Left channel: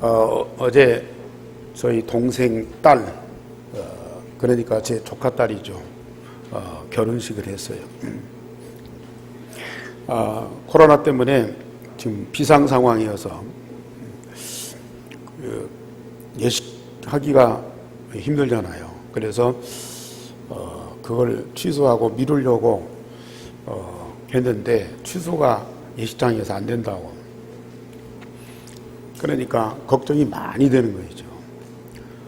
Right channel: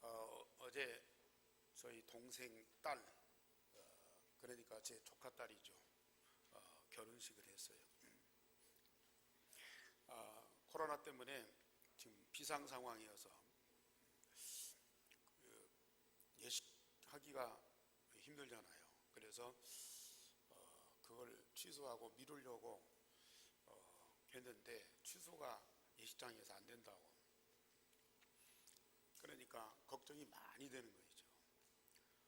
어제 저희 동생 딸, 그러니까 제 조카 딸이죠. 결혼식을 했어요. 코로나 때문에 지금 비상 상황이어서 예식하기가 힘들잖아요. 그래서 그걸 취소하고 미루려고 했는데 취소가 예식장에서 안 된다고. 그러니까 걱정이 많이 되는 거죠.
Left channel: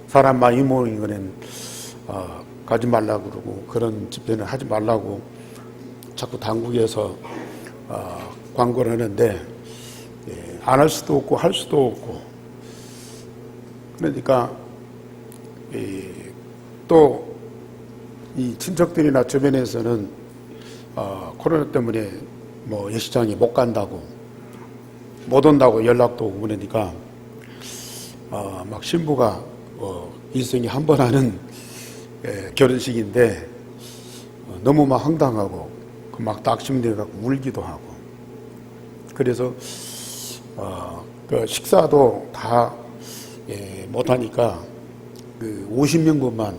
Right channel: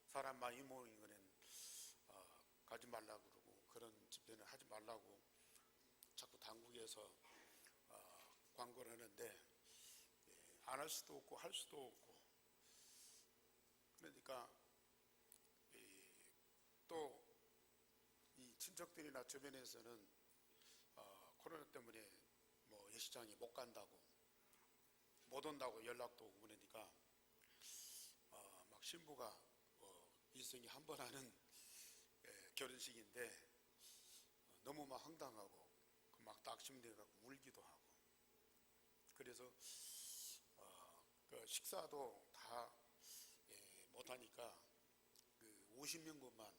사람 많이 모이는 거는 가지 말라고 그러고 그런 집회는 하지 말라고 자꾸 당국에서 광고를 하는데 안 할 수도 없고 할 수도 없고, 그러니까 또 이 친척들이나 주변에서는 코로나 때문에 뭐 예식장에 못 간다고, 못 온다고 연락도 오고 그러니까 막 신부가 일생에 한 번 하는 결혼식인데 너무 막 황당하고 막 낙심돼갖고 울기도 하고, 그래서 그 식사도 다 못하니까 그 50명분만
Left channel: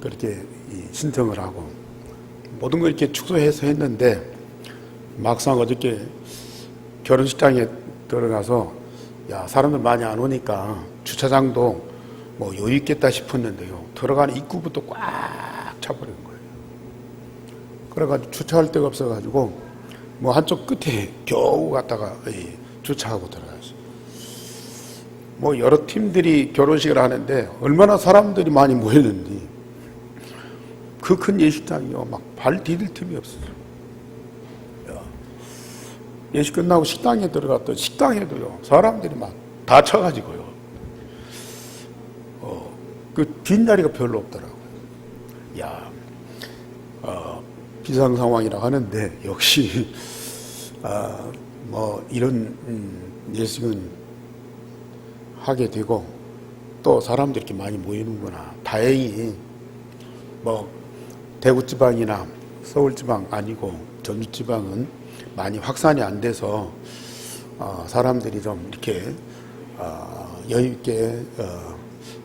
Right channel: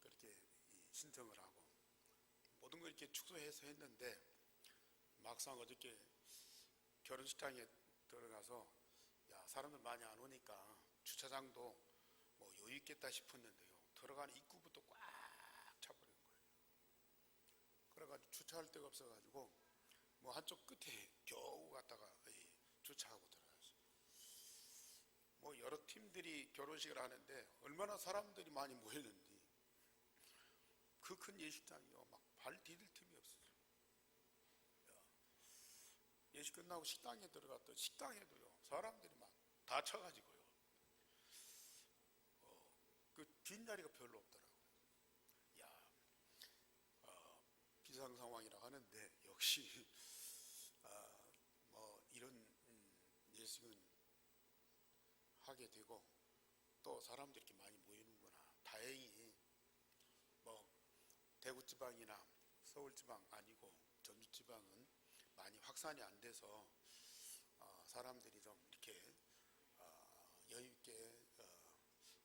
그렇게 신청을 하고 모든 걸 이렇게 축소해서 했는데, 막상 어저께 결혼식장에 들어가서 사람들 많이 안 오니까 주차장도 뭐 여유 있겠다 싶었는데요, 들어가는 입구부터 꽉 차버린 거예요. 그래가지고 주차할 데가 없어가지고 뭐 한쪽 끝에 겨우 갔다가 주차하고 들어갔어요. 뭐 여러 팀들이 결혼식을 하는데 얼마나 사람들이 많이 모였는지 그 큰 예식장이요, 막 발 디딜 틈이 없어요. 예식 끝나고 식당에 들어갔더니 식당에도요 사람들이 막 다 차가지고요, 그 빈자리가 별로 없더라고요. 비상 상황이라고 하는데 역시 뭐 이런 예식은 하게 되고 또 사람들이 이렇게 많이 모이는구나. 다행히 뭐 대구 지방이나 서울 지방 아니고 전주 지방은 많이 확산이 안 돼서 사람들이 좀 이렇게 여유 있게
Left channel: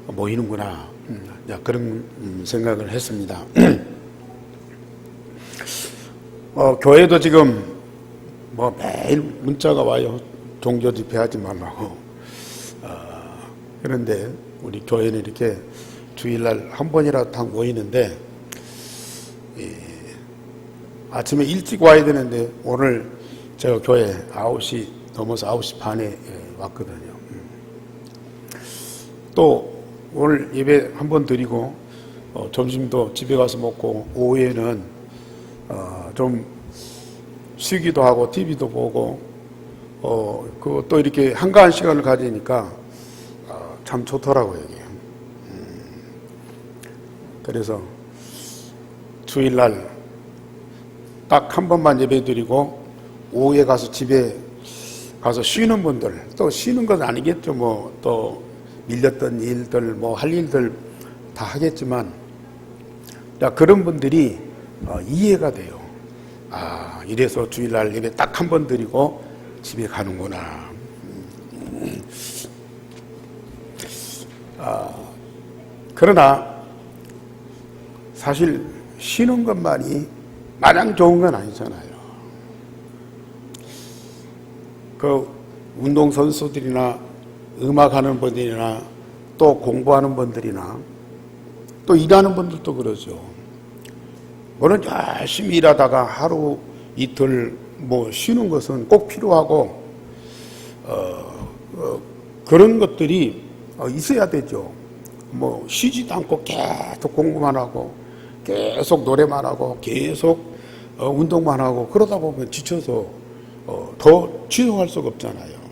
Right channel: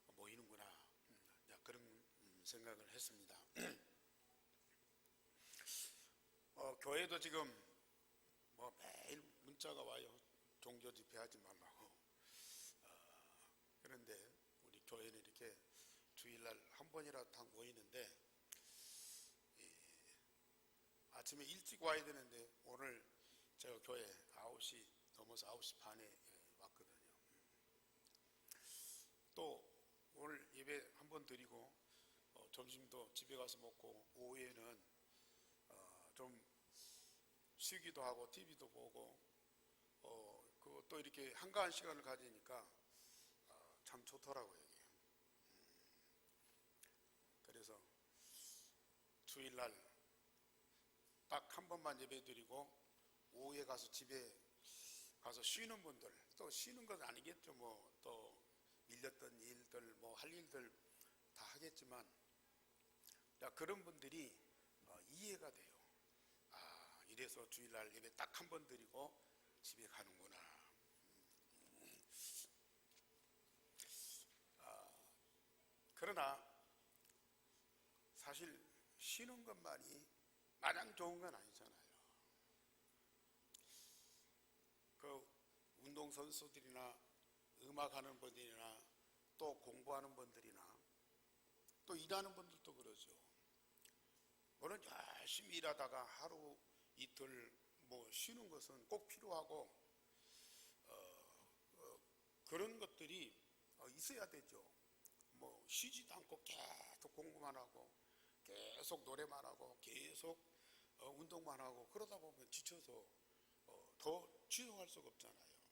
모이는구나, 그런 생각을 했습니다. 교회도 지금 뭐 매일 문자가 와요. 종교 집회하지 말라고. 그런데 우리 교회는 이렇게 주일날 한 번이라도 다 모이는데 아침에 일찍 와야 되는데 오늘 제가 교회 9시 넘어서 9시 반에 왔거든요. 또 오늘 예배 한 번 드리고 점심도 집에 가서 먹고 오후에는 좀 쉬기도 하고 TV도 보고 또 이렇게 한가한 시간을 가지니까 참 좋더라고요, 이게. 그래서 주일날 딱 한 번만 예배 드리고 오후에 가서 집에 가서 쉬는 분들, 또 쉬는 건 아니겠죠. 뭐 또 밀렸던 일들, 뭐 할 일들 다 하겠지만, 그런 분들이 이해가 돼요. 이래서 주일날 예배 딱 한 번 드리고 집에 가는구나. 그러나 사실 쉬는 것만이 마냥 좋은 건 아니잖아요. 그 운동선수들이나 음악하는 분들이나 또 공부하는 분들이나 또 일하는 분들도 그러죠. 물론 열심히 일하다가 하루 이틀 뭐 쉬는 것은 꼭 필요하고 그런 것들이 있어야 되죠. 뭐 쉬지도 않고 계속 공부만 하고 계속 노래만 하고 계속 운동만 하고 그러다 보면 지쳐서 더 지속할 수가 없잖아요.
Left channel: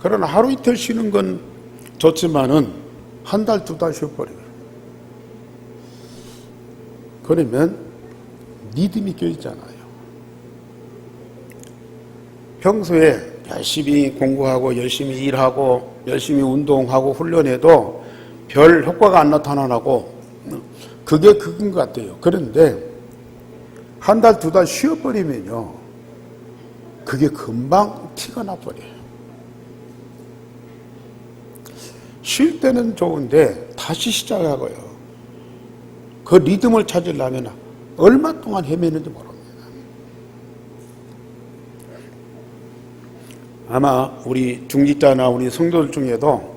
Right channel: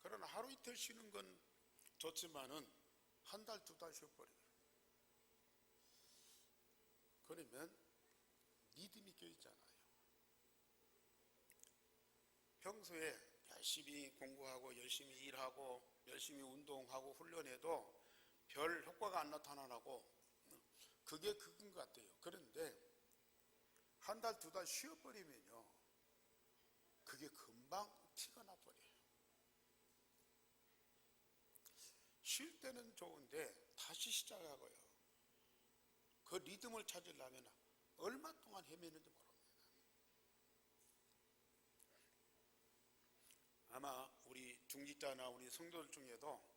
그러나 하루 이틀 쉬는 건 좋지만은 한 달, 두 달 쉬어버려요. 그러면 리듬이 껴있잖아요. 평소에 열심히 공부하고 열심히 일하고 열심히 운동하고 훈련해도 별 효과가 안 나타나고 그게 그건 것 같아요. 그런데 한 달, 두 달 쉬어버리면요, 그게 금방 티가 나버려요. 쉴 때는 좋은데 다시 시작하고요. 그 리듬을 찾으려면 얼마 동안 헤매는지 모릅니다. 아마 우리 중직자나 우리 성도들 중에도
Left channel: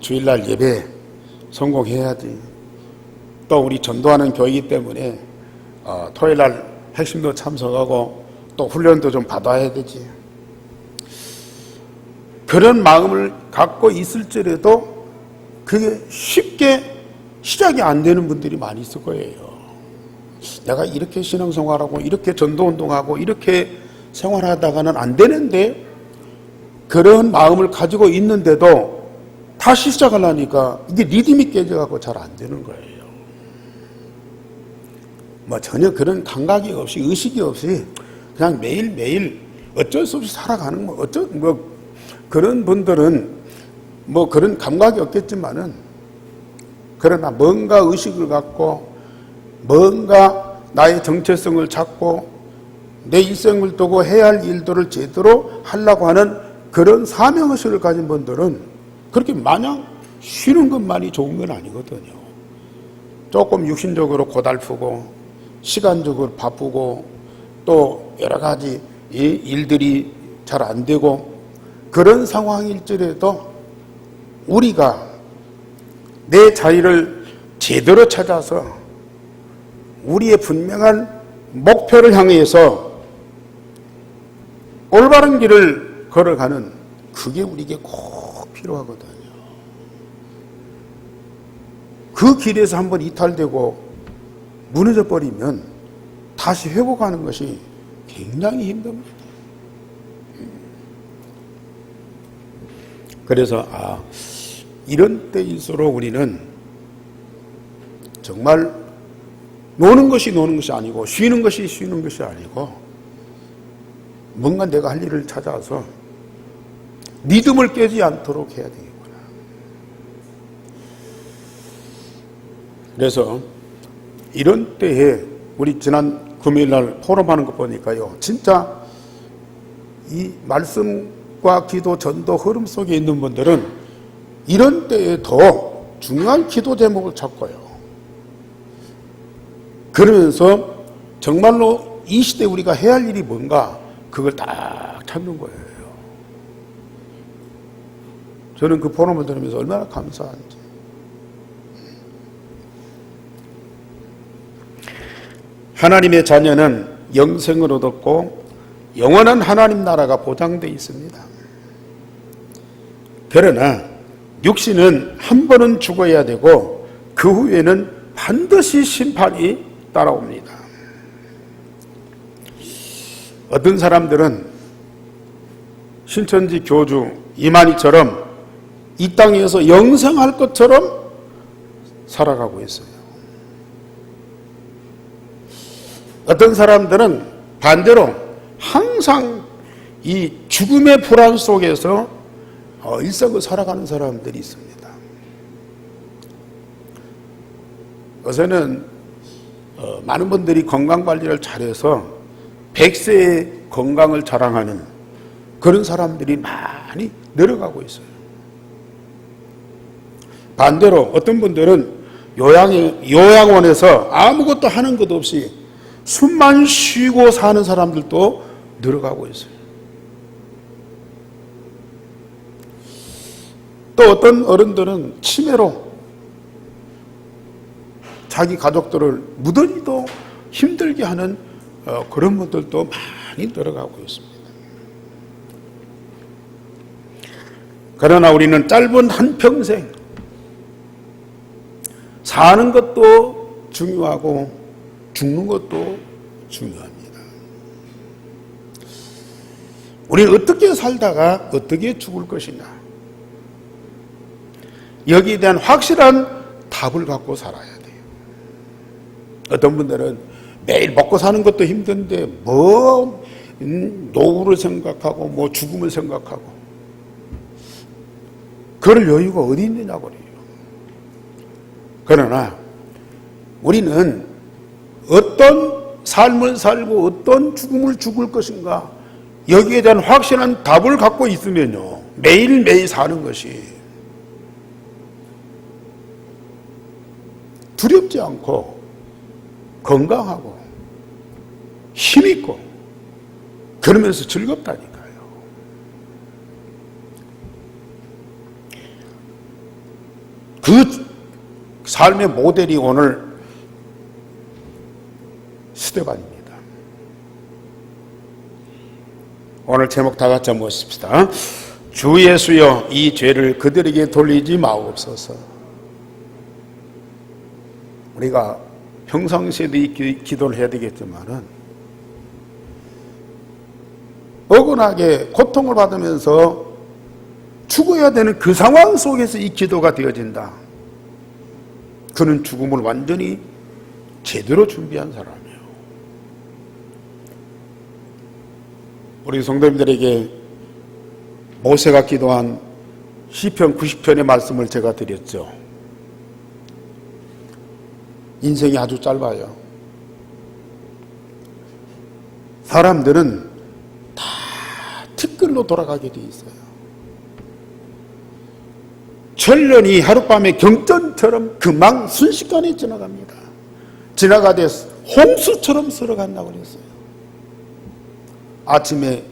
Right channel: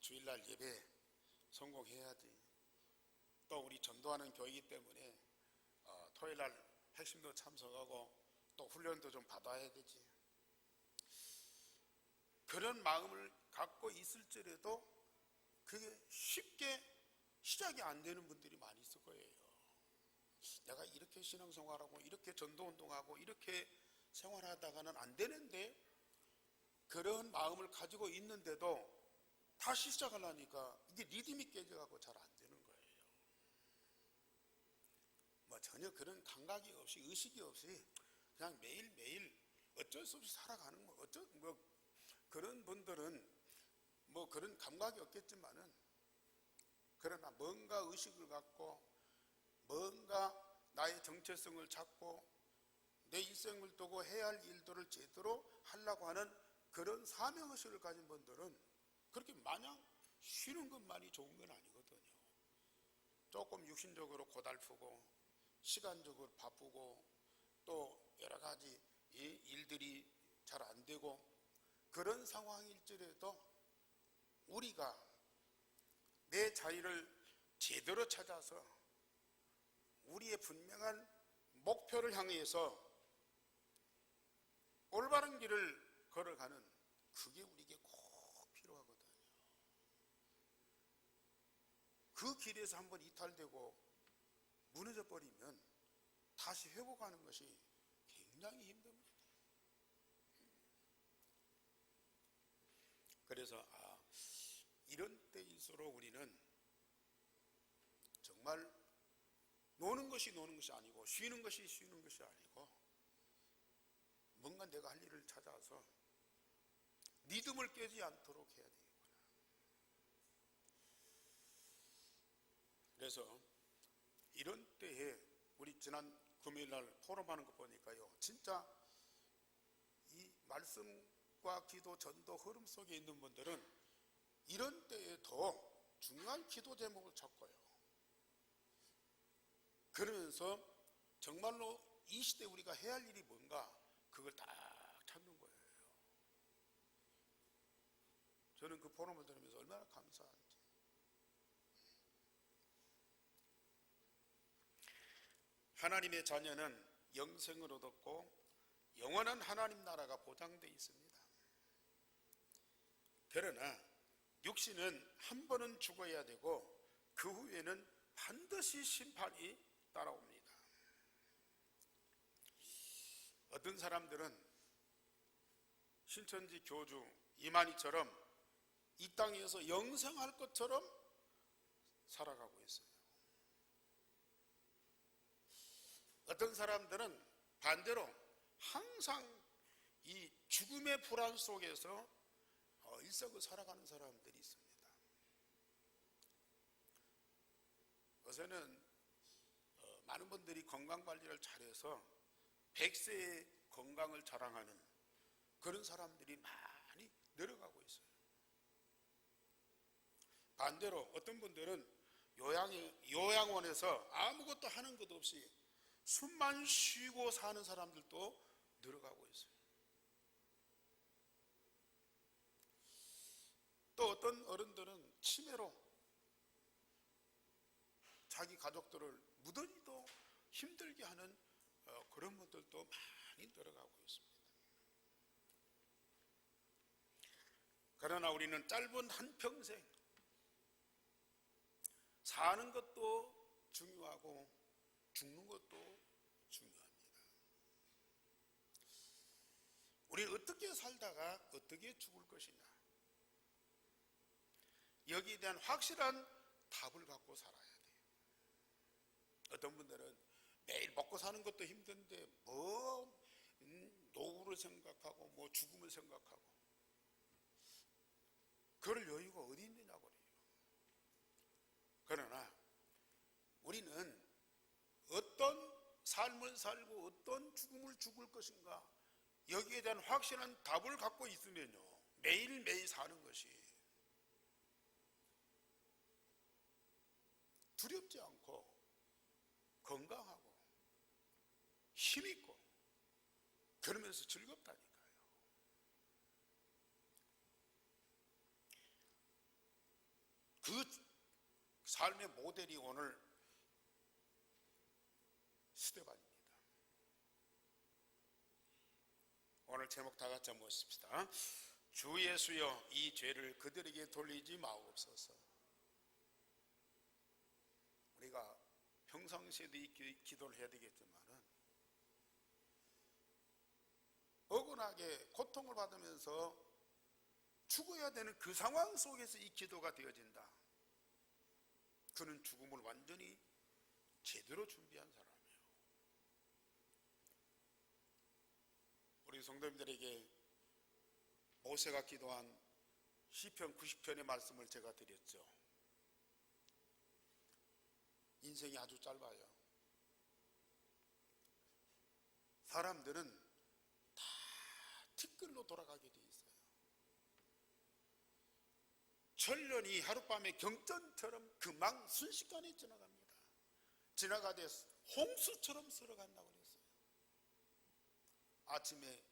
주일날 예배 성공해야지. 또 우리 전도하는 교회이기 때문에 토요일날 핵심도 참석하고 또 훈련도 좀 받아야 되지. 그런 마음을 갖고 있을지라도 그게 쉽게 시작이 안 되는 분들이 많이 있을 거예요. 내가 이렇게 신앙생활하고 이렇게 전도운동하고 이렇게 생활하다가는 안 되는데 그런 마음을 가지고 있는데도 다시 시작하려니까 이게 리듬이 깨져갖고 잘 안 되는 거예요. 뭐 전혀 그런 감각이 없이 의식이 없이 그냥 매일매일 어쩔 수 없이 살아가는 그런 분들은 뭐 그런 감각이 없겠지만은 그러나 뭔가 의식을 갖고 뭔가 나의 정체성을 찾고 내 일생을 두고 해야 할 일들을 제대로 하려고 하는 그런 사명의식을 가진 분들은 그렇게 마냥 쉬는 것만이 좋은 건 아니거든요. 조금 육신적으로 고달프고 시간적으로 바쁘고 또 여러 가지 일들이 잘 안 되고 그런 상황일지라도 우리가 내 자리를 제대로 찾아서 우리의 분명한 목표를 향해서 올바른 길을 걸어가는 그게 우리에게 꼭 필요하거든요. 그 길에서 한번 이탈되고 무너져 버리면 다시 회복하는 것이 굉장히 힘듭니다. 그래서 이런 때일수록 우리는 정말 노는 것이 아니고 쉬는 것이 아니고 뭔가 내가 할 일을 찾아서 믿음을 깨지 않도록 해야 되겠구나. 그래서 이런 때에 우리 지난 금요일날 포럼하는 거 보니까요, 진짜 이 말씀과 기도, 전도 흐름 속에 있는 분들은 이런 때에 더 중요한 기도 제목을 찾고요. 그러면서 정말로 이 시대에 우리가 해야 할 일이 뭔가 그걸 딱 찾는 거예요. 저는 그 포럼을 들으면서 얼마나 감사한지. 하나님의 자녀는 영생을 얻었고 영원한 하나님 나라가 보장되어 있습니다. 그러나 육신은 한 번은 죽어야 되고 그 후에는 반드시 심판이 따라옵니다. 어떤 사람들은 신천지 교주 이만희처럼 이 땅에서 영생할 것처럼 살아가고 있어요. 어떤 사람들은 반대로 항상 이 죽음의 불안 속에서 일생을 살아가는 사람들이 있습니다. 요새는 많은 분들이 건강관리를 잘해서 100세의 건강을 자랑하는 그런 사람들이 많이 늘어가고 있어요. 반대로 어떤 분들은 요양원에서 아무것도 하는 것 없이 숨만 쉬고 사는 사람들도 늘어가고 있어요. 또 어떤 어른들은 치매로 자기 가족들을 무더기도 힘들게 하는 그런 분들도 많이 늘어가고 있습니다. 그러나 우리는 짧은 한평생 사는 것도 중요하고 죽는 것도 중요합니다. 우리는 어떻게 살다가 어떻게 죽을 것이냐, 여기에 대한 확실한 답을 갖고 살아야 돼요. 어떤 분들은 매일 먹고 사는 것도 힘든데 노후를 생각하고 죽음을 생각하고 그럴 여유가 어디 있느냐고 그래요. 그러나 우리는 어떤 삶을 살고 어떤 죽음을 죽을 것인가, 여기에 대한 확실한 답을 갖고 있으면요, 매일매일 사는 것이 두렵지 않고 건강하고 힘있고 그러면서 즐겁다니까요. 그 삶의 모델이 오늘 스데반입니다. 오늘 제목 다 같이 한번 보십시다. 주 예수여 이 죄를 그들에게 돌리지 마옵소서. 우리가 평상시에도 이 기도를 해야 되겠지만은 억울하게 고통을 받으면서 죽어야 되는 그 상황 속에서 이 기도가 되어진다. 그는 죽음을 완전히 제대로 준비한 사람이에요. 우리 성도님들에게 모세가 기도한 시편 90편의 말씀을 제가 드렸죠. 인생이 아주 짧아요. 사람들은 다 티끌로 돌아가게 돼 있어요. 천년이 하룻밤의 경전처럼 금방 순식간에 지나갑니다. 지나가되 홍수처럼 쓸어간다고 그랬어요. 아침에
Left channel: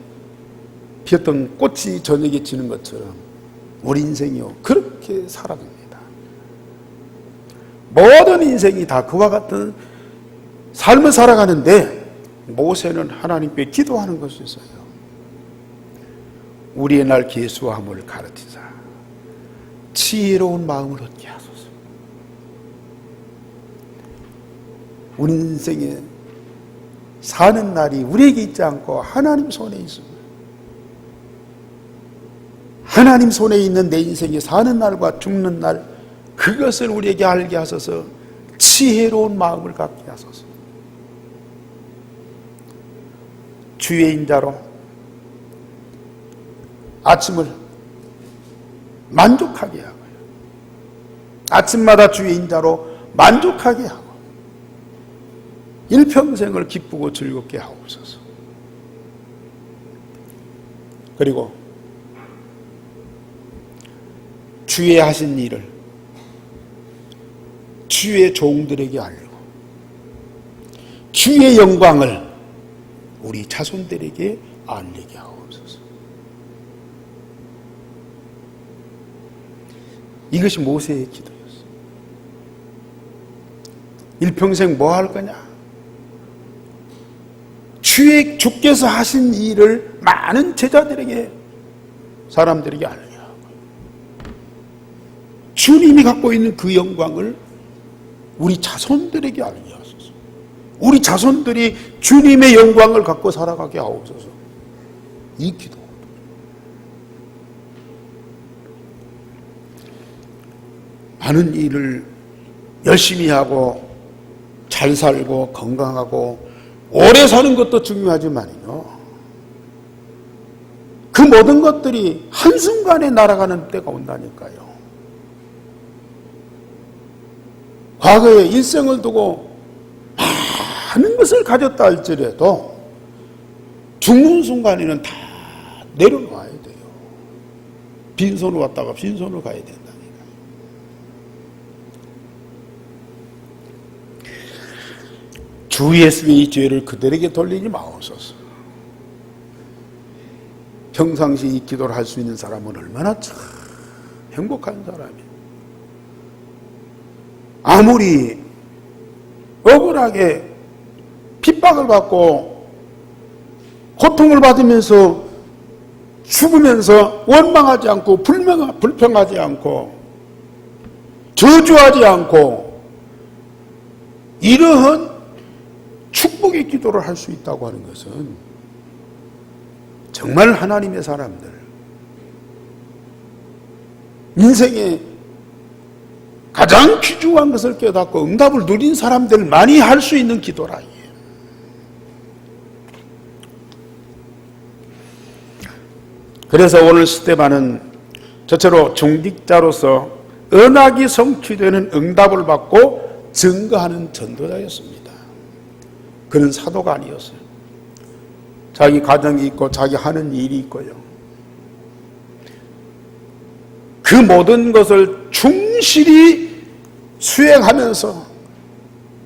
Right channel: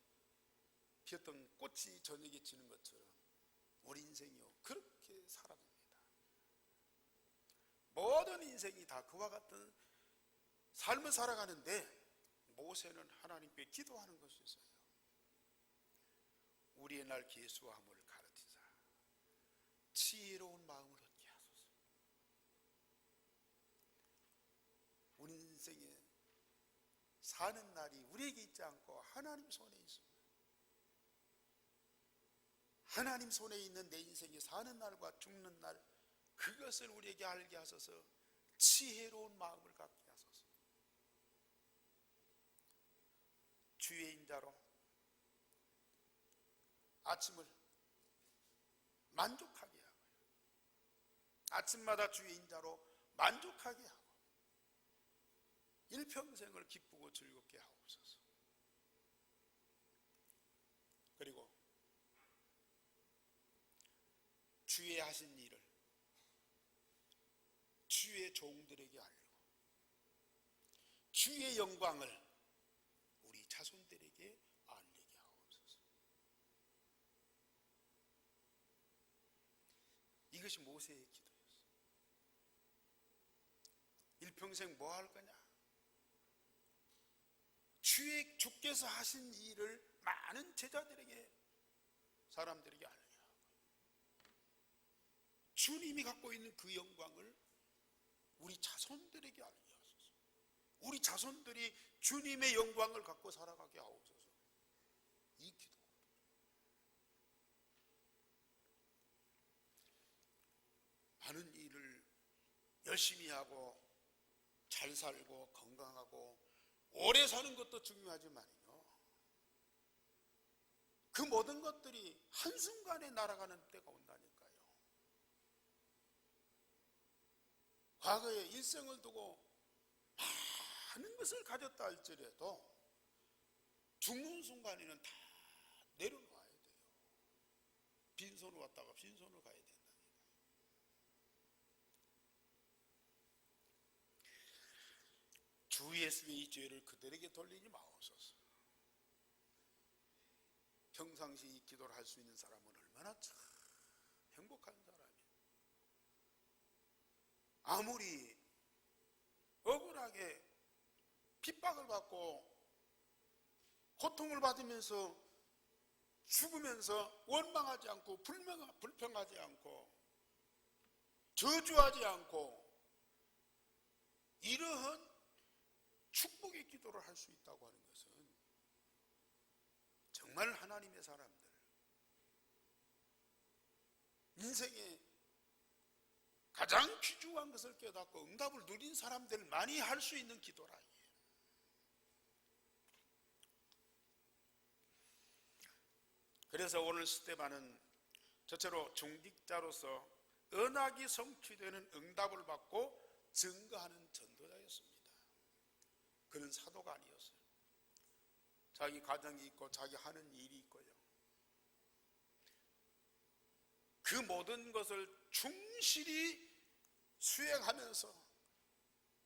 피었던 꽃이 저녁에 지는 것처럼 우리 인생이요 그렇게 사라집니다. 모든 인생이 다 그와 같은 삶을 살아가는데 모세는 하나님께 기도하는 것이 있어요. 우리의 날 계수함을 가르치자. 지혜로운 마음을 얻게 하소서. 우리 인생에 사는 날이 우리에게 있지 않고 하나님 손에 있습니다. 하나님 손에 있는 내 인생이 사는 날과 죽는 날 그것을 우리에게 알게 하소서. 지혜로운 마음을 갖게 하소서. 주의 인자로 아침을 만족하게 하고요. 아침마다 주의 인자로 만족하게 하고 일평생을 기쁘고 즐겁게 하옵소서. 그리고 주의 하신 일을 주의 종들에게 알리고 주의 영광을 우리 자손들에게 알리게 하옵소서. 이것이 모세의 기도였어요. 일평생 뭐 할 거냐? 주께서 하신 일을 많은 제자들에게 사람들에게 알리게 하고 주님이 갖고 있는 그 영광을 우리 자손들에게 알게 하소서. 우리 자손들이 주님의 영광을 갖고 살아가게 하옵소서. 이 기도. 많은 일을 열심히 하고 잘 살고 건강하고 오래 사는 것도 중요하지만요. 그 모든 것들이 한순간에 날아가는 때가 온다니까요. 과거에 일생을 두고 많은 것을 가졌다 할지라도 죽는 순간에는 다 내려놔야 돼요. 빈손으로 왔다가 빈손으로 가야 된다니까. 주 예수의 이 죄를 그들에게 돌리지 마옵소서. 평상시 이 기도를 할 수 있는 사람은 얼마나 참 행복한 사람이에요. 아무리 억울하게 핍박을 받고 고통을 받으면서 죽으면서 원망하지 않고 불평하지 않고 저주하지 않고 이러한 축복의 기도를 할 수 있다고 하는 것은 정말 하나님의 사람들, 인생에 가장 귀중한 것을 깨닫고 응답을 누린 사람들만이 할 수 있는 기도라. 그래서 오늘 스데반은 저처럼 중직자로서 언약이 성취되는 응답을 받고 증거하는 전도자였습니다. 그는 사도가 아니었어요. 자기 가정이 있고 자기 하는 일이 있고요. 그 모든 것을 충실히 수행하면서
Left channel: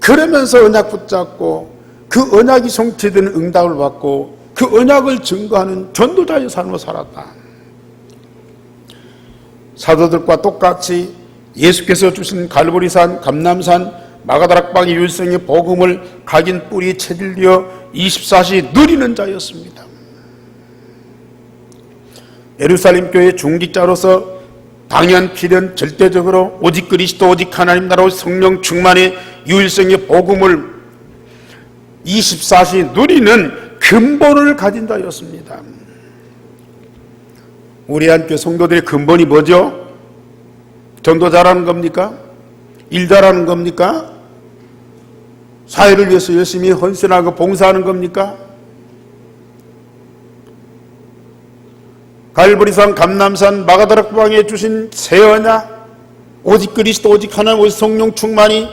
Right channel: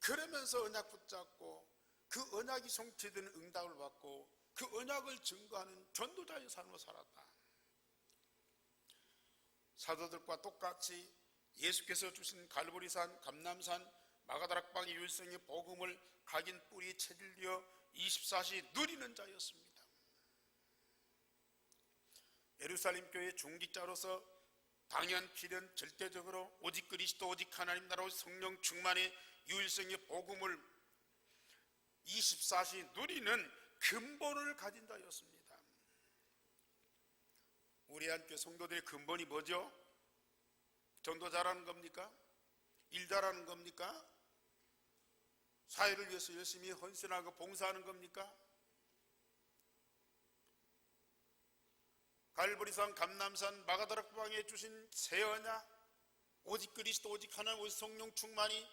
그러면서 언약 붙잡고 그 언약이 성취되는 응답을 받고 그 언약을 증거하는 전도자의 삶을 살았다. 사도들과 똑같이 예수께서 주신 갈보리산, 감람산, 마가다락방의 율성의 복음을 각인 뿌리에 체질되어 24시 누리는 자였습니다. 예루살렘 교회 중직자로서 당연 필연 절대적으로 오직 그리스도 오직 하나님 나라 성령 충만의 유일성의 복음을 24시 누리는 근본을 가진 자였습니다. 우리 한교회 성도들의 근본이 뭐죠? 전도 잘하는 겁니까? 일 잘하는 겁니까? 사회를 위해서 열심히 헌신하고 봉사하는 겁니까? 갈보리산, 감람산, 마가다락방에 주신 새 언약, 오직 그리스도 오직 하나님 오직 성령 충만이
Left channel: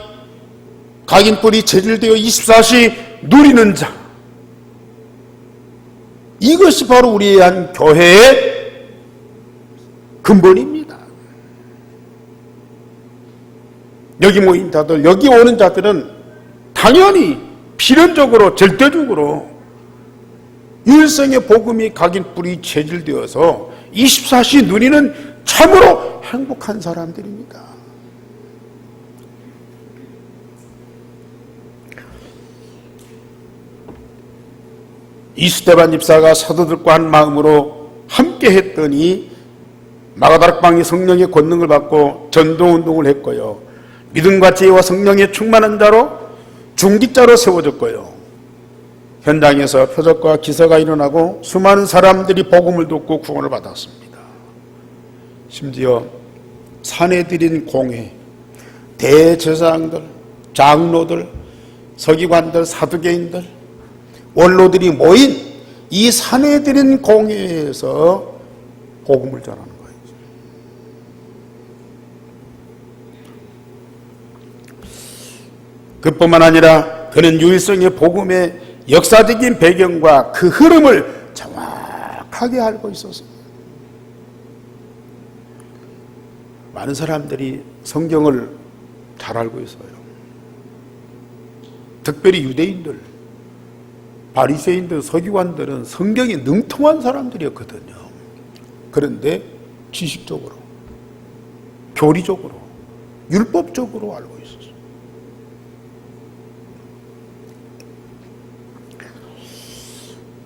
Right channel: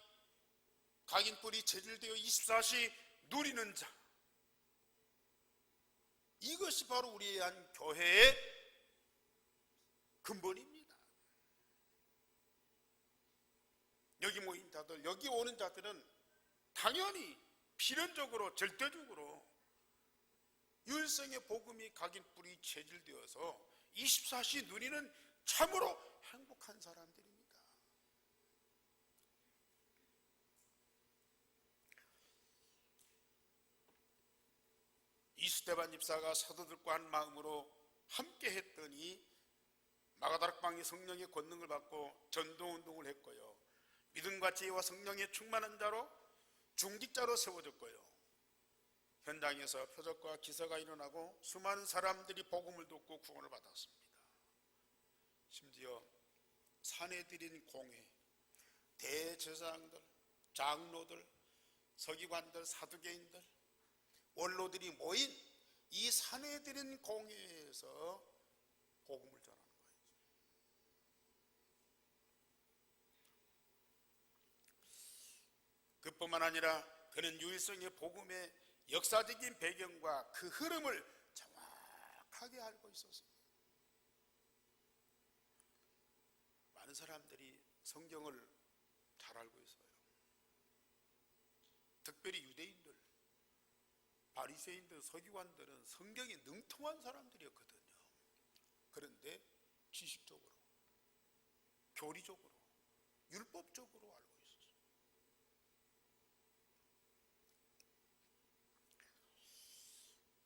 각인 뿌리 체질되어 24시 누리는 자, 이것이 바로 우리의 한 교회의 근본입니다. 여기 모인 자들, 여기 오는 자들은 당연히 필연적으로 절대적으로 유일성의 복음이 각인 뿌리 체질되어서 24시 누리는 참으로 행복한 사람들입니다. 이스데반 집사가 사도들과 한 마음으로 함께 했더니 마가다락방이 성령의 권능을 받고 전도운동을 했고요. 믿음과 지혜와 성령의 충만한 자로 중직자로 세워졌고요. 현장에서 표적과 기사가 일어나고 수많은 사람들이 복음을 듣고 구원을 받았습니다. 심지어 산에 드린 공회, 대제사장들, 장로들, 서기관들, 사두개인들, 원로들이 모인 이 산에 드린 공회에서 복음을 전하는 거예요. 그뿐만 아니라 그는 유일성의 복음의 역사적인 배경과 그 흐름을 정확하게 알고 있었습니다. 많은 사람들이 성경을 잘 알고 있어요. 특별히 유대인들, 바리새인들, 서기관들은 성경에 능통한 사람들이었거든요. 그런데 지식적으로, 교리적으로, 율법적으로 알고 있었어요.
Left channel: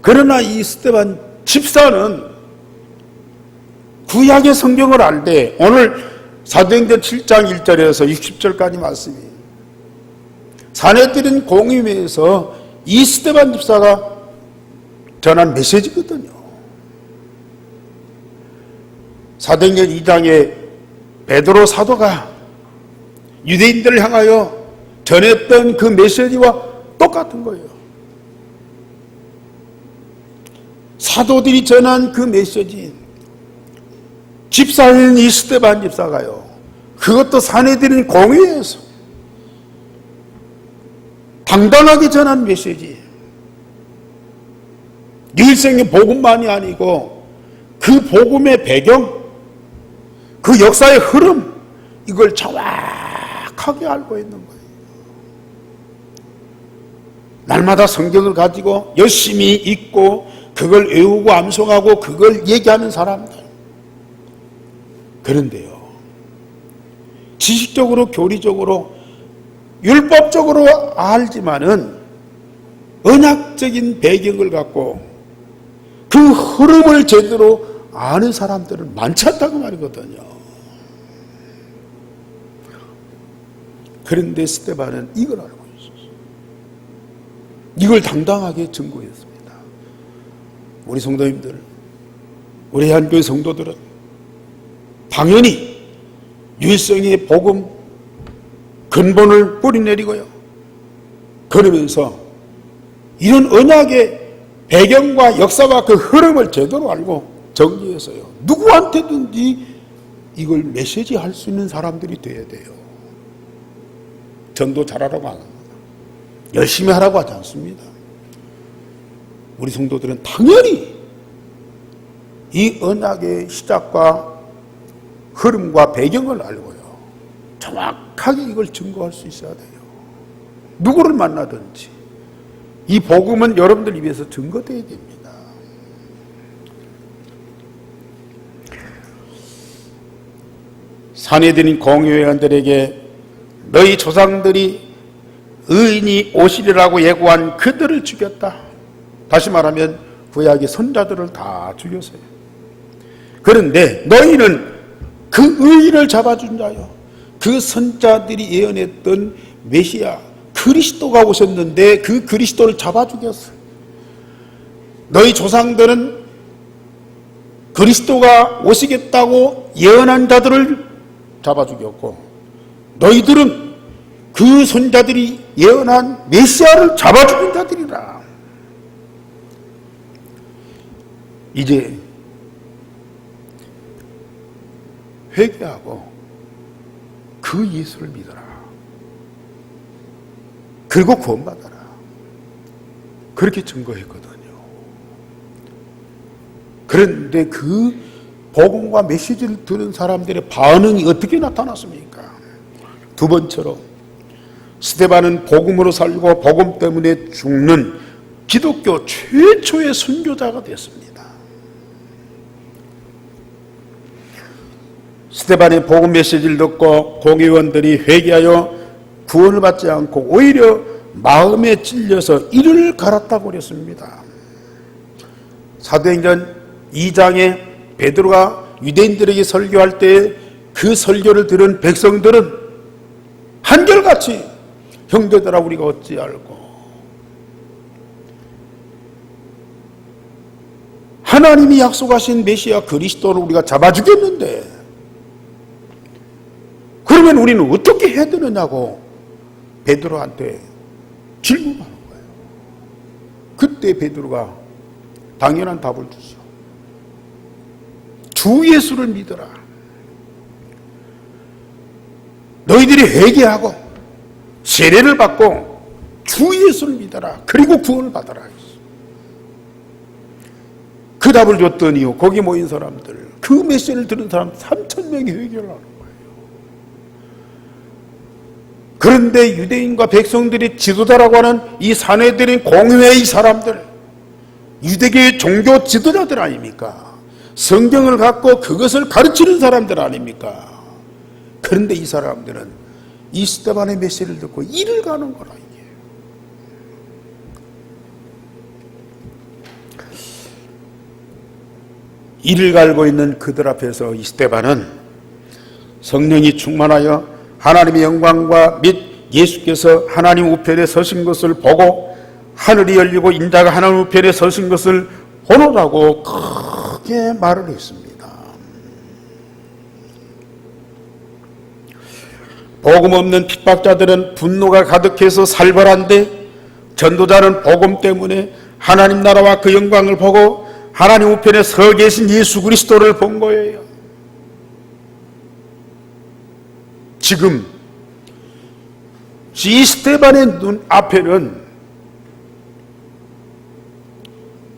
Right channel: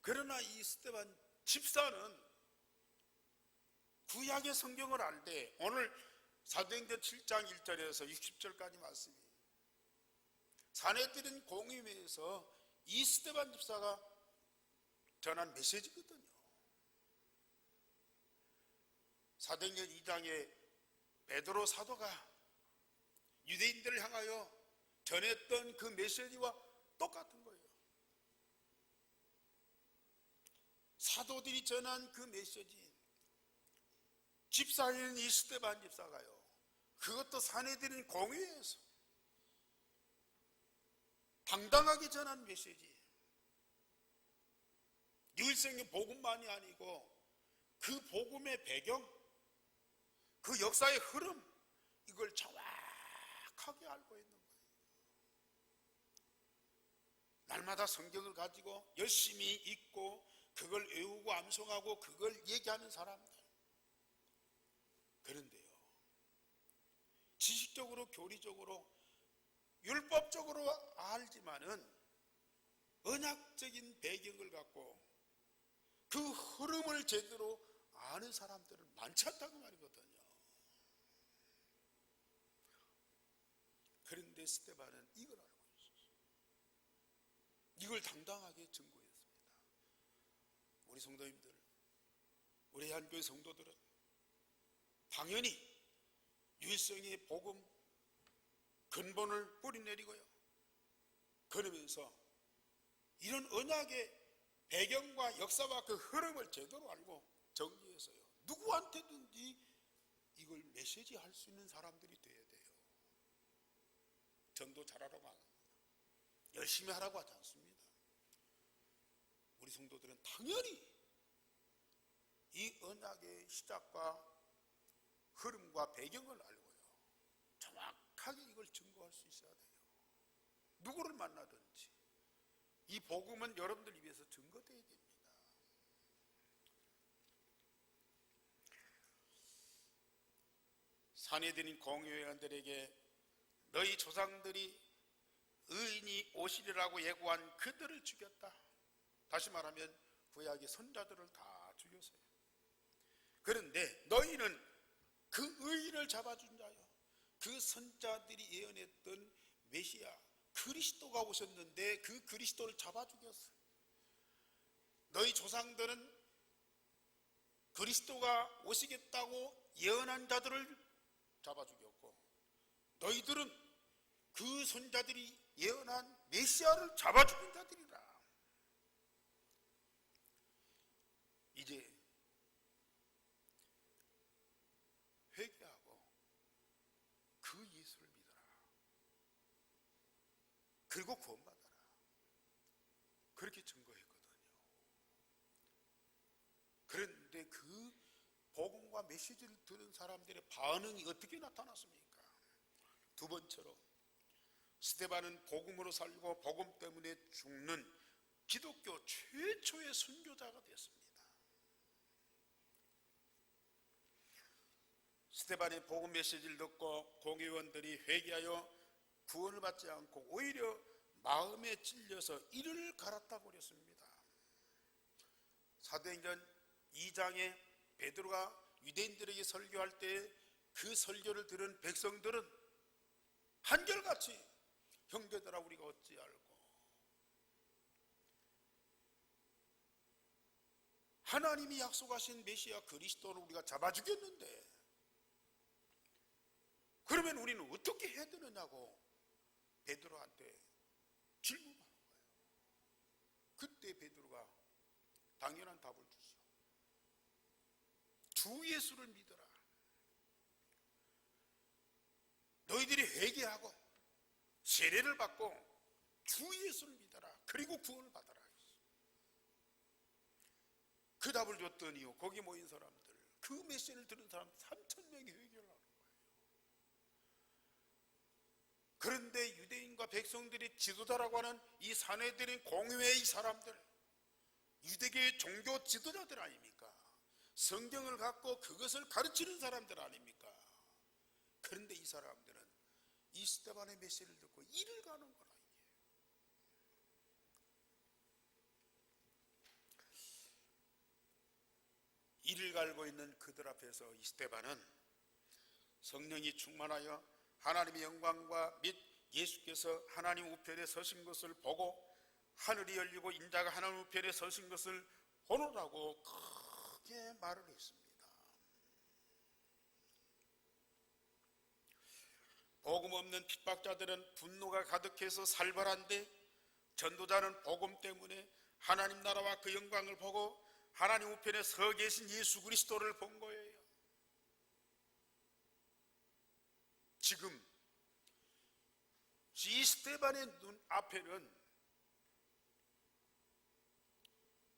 그러나 이 스데반 집사는 구약의 성경을 알되 오늘 사도행전 7장 1절에서 60절까지 말씀이 산에 들인 공의회에서 이 스데반 집사가 전한 메시지거든요. 사도행전 2장에 베드로 사도가 유대인들을 향하여 전했던 그 메시지와 똑같은 거예요. 사도들이 전한 그 메시지, 집사인 이 스데반 집사가요, 그것도 산에 들인 공회에서 당당하게 전한 메시지, 유일성의 복음만이 아니고 그 복음의 배경, 그 역사의 흐름, 이걸 정확하게 알고 있는 거예요. 날마다 성경을 가지고 열심히 읽고 그걸 외우고 암송하고 그걸 얘기하는 사람들. 그런데요, 지식적으로, 교리적으로, 율법적으로 알지만은 언약적인 배경을 갖고 그 흐름을 제대로 아는 사람들은 많지 않다고 말이거든요. 그런데 스데반은 이걸 알고 있었어요. 이걸 당당하게 증거했습니다. 우리 성도님들, 우리 한교회 성도들은 당연히 유일성의 복음 근본을 뿌리내리고요, 그러면서 이런 언약의 배경과 역사와 그 흐름을 제대로 알고 정리해서요, 누구한테든지 이걸 메시지 할 수 있는 사람들이 돼야 돼요. 전도 잘하라고 안 합니다. 열심히 하라고 하지 않습니다. 우리 성도들은 당연히 이 언약의 시작과 흐름과 배경을 알고요, 정확하게 이걸 증거할 수 있어야 돼요. 누구를 만나든지 이 복음은 여러분들 입에서 증거되어야 됩니다. 산헤드린 공회원들에게 너희 조상들이 의인이 오시리라고 예고한 그들을 죽였다. 다시 말하면 구약의 선자들을 다 죽였어요. 그런데 너희는 그 의인을 잡아준 자요, 그 선자들이 예언했던 메시아 그리스도가 오셨는데 그 그리스도를 잡아 죽였어. 너희 조상들은 그리스도가 오시겠다고 예언한 자들을 잡아 죽였고, 너희들은 그 선자들이 예언한 메시아를 잡아 죽인 자들이라. 이제 회개하고 그 예수를 믿어라. 그리고 구원받아라. 그렇게 증거했거든요. 그런데 그 복음과 메시지를 들은 사람들의 반응이 어떻게 나타났습니까? 두 번째로 스데반은 복음으로 살고 복음 때문에 죽는 기독교 최초의 순교자가 됐습니다. 스데반의 복음 메시지를 듣고 공회원들이 회개하여 구원을 받지 않고 오히려 마음에 찔려서 이를 갈았다고 그랬습니다. 사도행전 2장에 베드로가 유대인들에게 설교할 때 그 설교를 들은 백성들은 한결같이 형제들아 우리가 어찌 알고 하나님이 약속하신 메시아 그리스도를 우리가 잡아 죽였는데 그러면 우리는 어떻게 해야 되느냐고 베드로한테 질문하는 거예요. 그때 베드로가 당연한 답을 주죠. 주 예수를 믿어라. 너희들이 회개하고 세례를 받고 주 예수를 믿어라. 그리고 구원을 받아라. 그 답을 줬더니 거기 모인 사람들, 그 메시지를 들은 사람 3,000명이 회개를 하는 거예요. 그런데 유대인과 백성들이 지도자라고 하는 이 산헤드린 공회의 사람들, 유대교의 종교 지도자들 아닙니까? 성경을 갖고 그것을 가르치는 사람들 아닙니까? 그런데 이 사람들은 이 스데반의 메시지를 듣고 이를 가는 거라. 이게 이를 갈고 있는 그들 앞에서 이 스데반은 성령이 충만하여 하나님의 영광과 및 예수께서 하나님 우편에 서신 것을 보고 하늘이 열리고 인자가 하나님 우편에 서신 것을 보노라고 크게 말을 했습니다. 복음 없는 핍박자들은 분노가 가득해서 살벌한데 전도자는 복음 때문에 하나님 나라와 그 영광을 보고 하나님 우편에 서 계신 예수 그리스도를 본 거예요. 지금 이 스데반의 눈 앞에는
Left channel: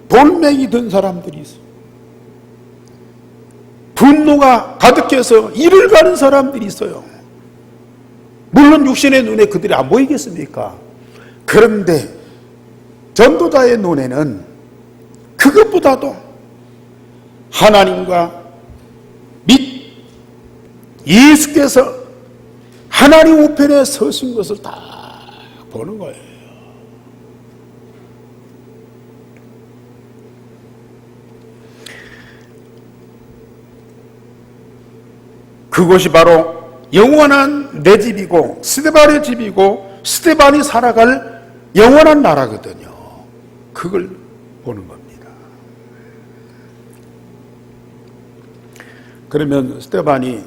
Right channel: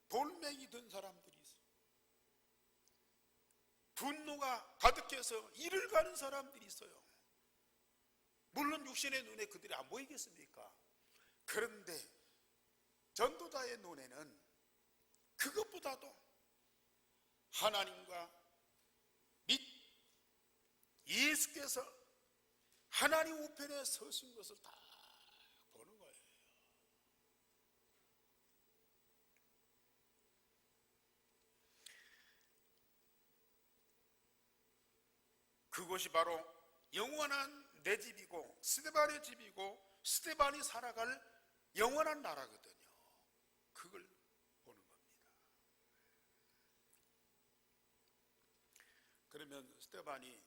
돌멩이 든 사람들이 있어요. 분노가 가득해서 이를 가는 사람들이 있어요. 물론 육신의 눈에 그들이 안 보이겠습니까? 그런데 전도자의 눈에는 그것보다도 하나님과 및 예수께서 하나님 우편에 서신 것을 다 보는 거예요. 그것이 바로 영원한 내 집이고 스데반의 집이고 스데반이 살아갈 영원한 나라거든요. 그걸 보는 겁니다. 그러면 스데반이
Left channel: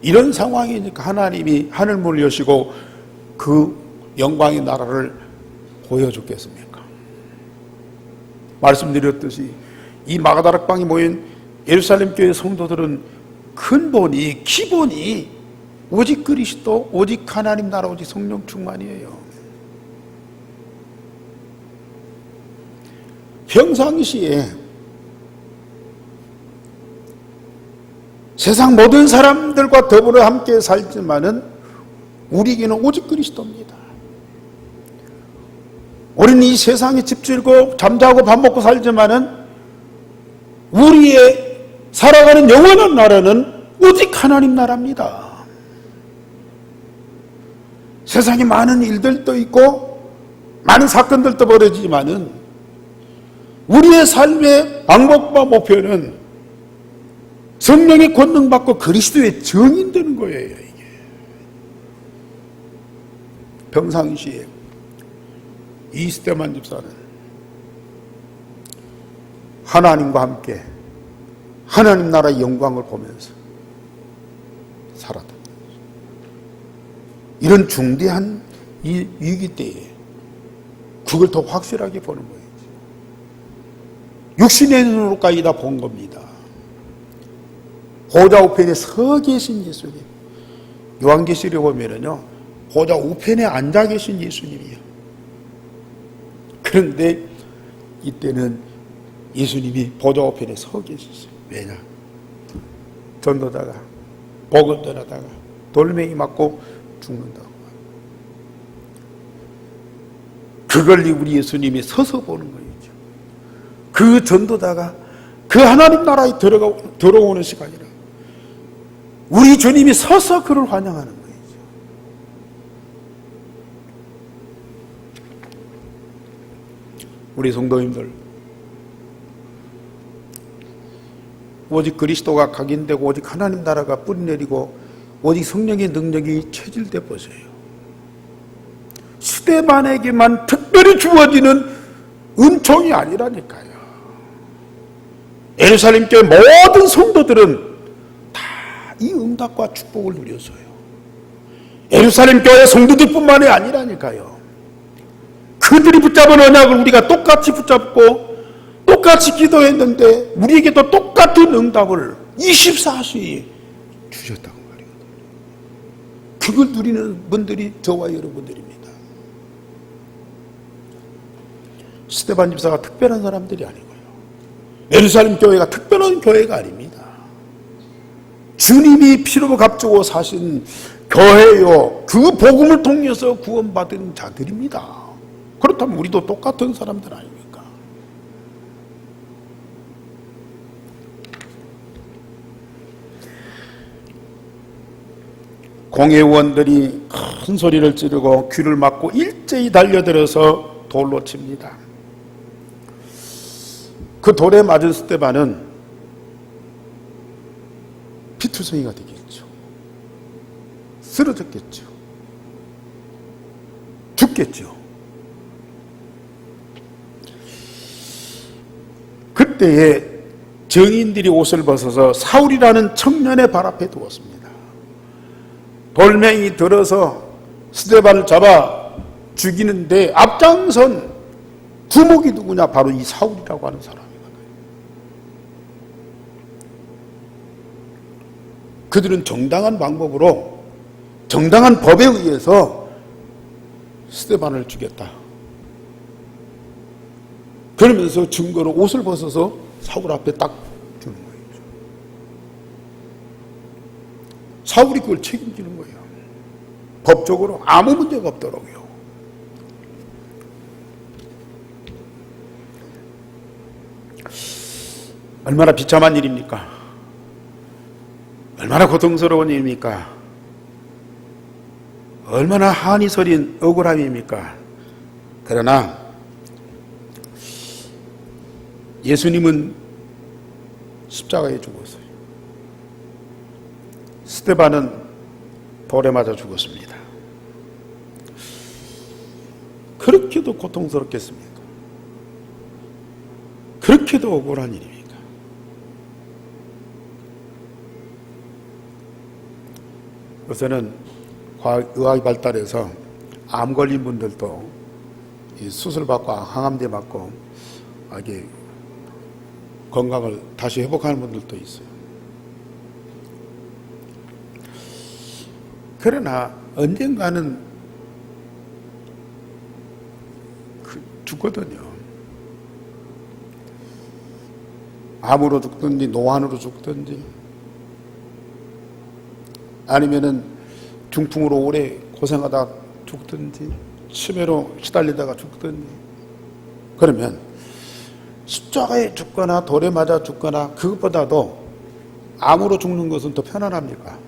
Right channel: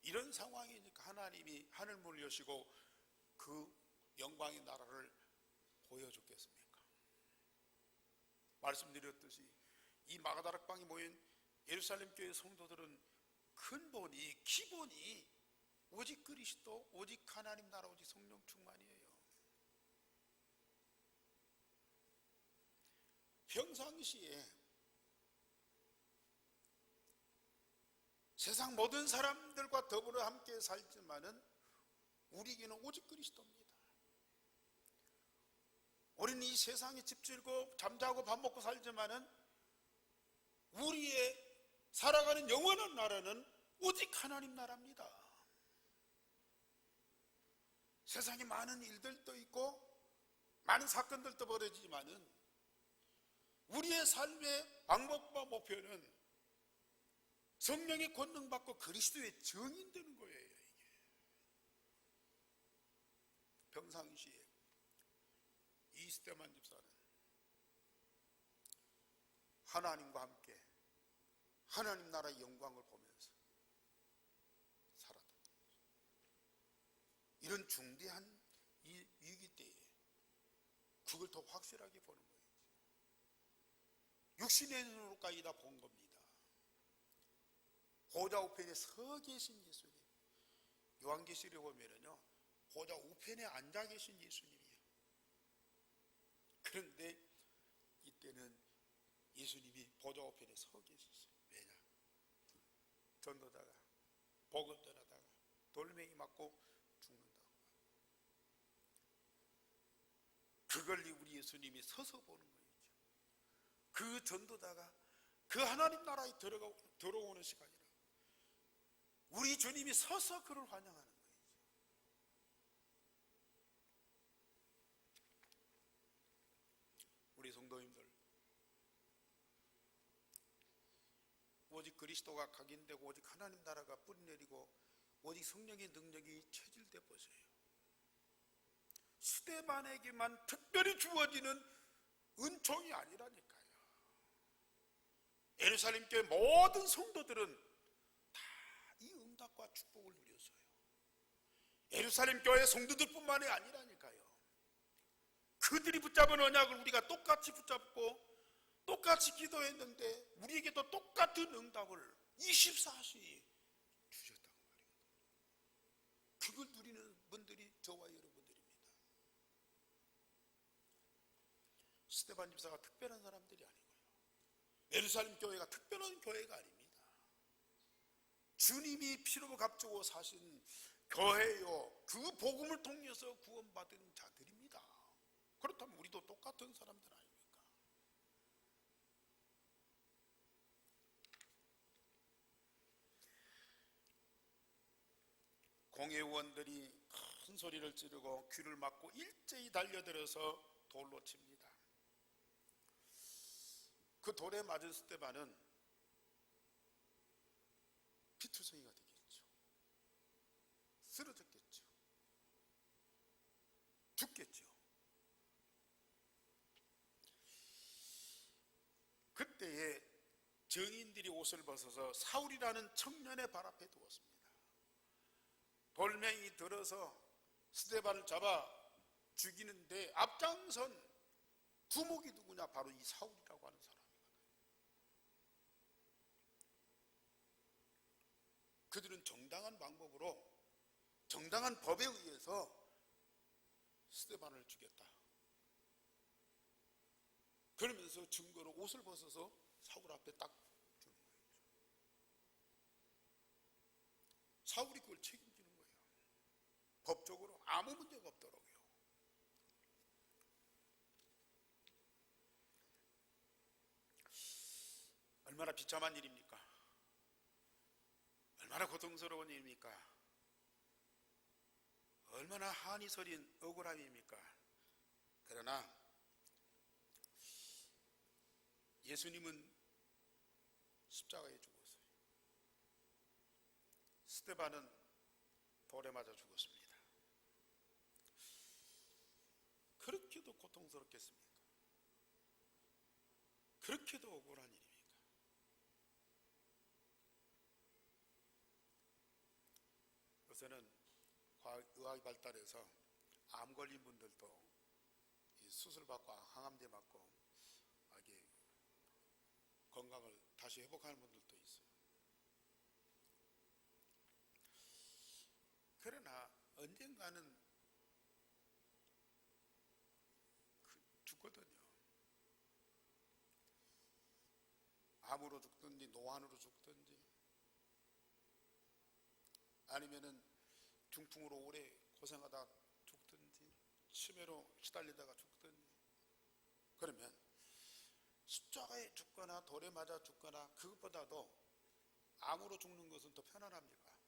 이런 상황이니까 하나님이 하늘문을 여시고 그 영광의 나라를 보여줬겠습니까? 말씀드렸듯이 이 마가다락방에 모인 예루살렘 교회 성도들은 근본이 기본이 오직 그리스도, 오직 하나님 나라, 오직 성령 충만이에요. 평상시에 세상 모든 사람들과 더불어 함께 살지만은 우리에게는 오직 그리스도입니다. 우리는 이 세상에 집질고 잠자고 밥 먹고 살지만은 우리의 살아가는 영원한 나라는 오직 하나님 나라입니다. 세상에 많은 일들도 있고 많은 사건들도 벌어지지만은 우리의 삶의 방법과 목표는 성령의 권능받고 그리스도의 증인 되는 거예요. 이게 평상시에 이스테만 집사는 하나님과 함께 하나님 나라의 영광을 보면서 살았다. 이런 중대한 이 위기 때에 그걸 더 확실하게 보는 거예요. 육신의 눈으로까지 다 본 겁니다. 보좌 우편에 서 계신 예수님. 요한계시록에 보면은요, 보좌 우편에 앉아 계신 예수님이요. 그런데 이때는 예수님이 보좌 우편에 서 계셨어요. 왜냐? 전도다가 복음 전하다가 돌멩이 맞고 죽는다고. 그걸 우리 예수님이 서서 보는 거예요. 그 전도다가 그 하나님 나라에 들어오는 시간이라 우리 주님이 서서 그를 환영하는 거예요. 우리 성도님들, 오직 그리스도가 각인되고 오직 하나님 나라가 뿌리내리고 오직 성령의 능력이 체질돼 보세요. 스데반에게만 특별히 주어지는 은총이 아니라니까요. 예루살렘 교회 모든 성도들은 다 이 응답과 축복을 누렸어요. 예루살렘 교회 성도들뿐만이 아니라니까요. 그들이 붙잡은 언약을 우리가 똑같이 붙잡고 똑같이 기도했는데 우리에게도 똑같은 응답을 24시에 주셨다고 말이에요. 그걸 누리는 분들이 저와 여러분들입니다. 스데반 집사가 특별한 사람들이 아니고요. 예루살렘 교회가 특별한 교회가 아닙니다. 주님이 피로 값주고 사신 교회요. 그 복음을 통해서 구원받은 자들입니다. 그렇다면 우리도 똑같은 사람들 아닙니까? 공회원들이 큰 소리를 지르고 귀를 막고 일제히 달려들어서 돌로 칩니다. 그 돌에 맞은 스데반은 피투성이가 되겠죠. 쓰러졌겠죠. 죽겠죠. 그때에 정인들이 옷을 벗어서 사울이라는 청년의 발 앞에 두었습니다. 돌멩이 들어서 스데반을 잡아 죽이는데 앞장선 두목이 누구냐? 바로 이 사울이라고 하는 사람이거든요. 그들은 정당한 방법으로 정당한 법에 의해서 스데반을 죽였다. 그러면서 증거로 옷을 벗어서 사울 앞에 딱 주는 거예요. 사울이 그걸 책임지는 거예요. 법적으로 아무 문제가 없더라고요. 얼마나 비참한 일입니까? 얼마나 고통스러운 일입니까? 얼마나 한이 서린 억울함입니까? 그러나 예수님은 십자가에 죽었어요. 스데반은 돌에 맞아 죽었습니다. 그렇게도 고통스럽겠습니까? 그렇게도 억울한 일입니까? 요새는 의학이 발달해서 암 걸린 분들도 수술받고 항암제 맞고 이게 건강을 다시 회복하는 분들도 있어요. 그러나 언젠가는 죽거든요. 암으로 죽든지 노안으로 죽든지 아니면은 중풍으로 오래 고생하다 죽든지 치매로 시달리다가 죽든지 그러면 십자가에 죽거나 돌에 맞아 죽거나 그것보다도 암으로 죽는 것은 더 편안합니까?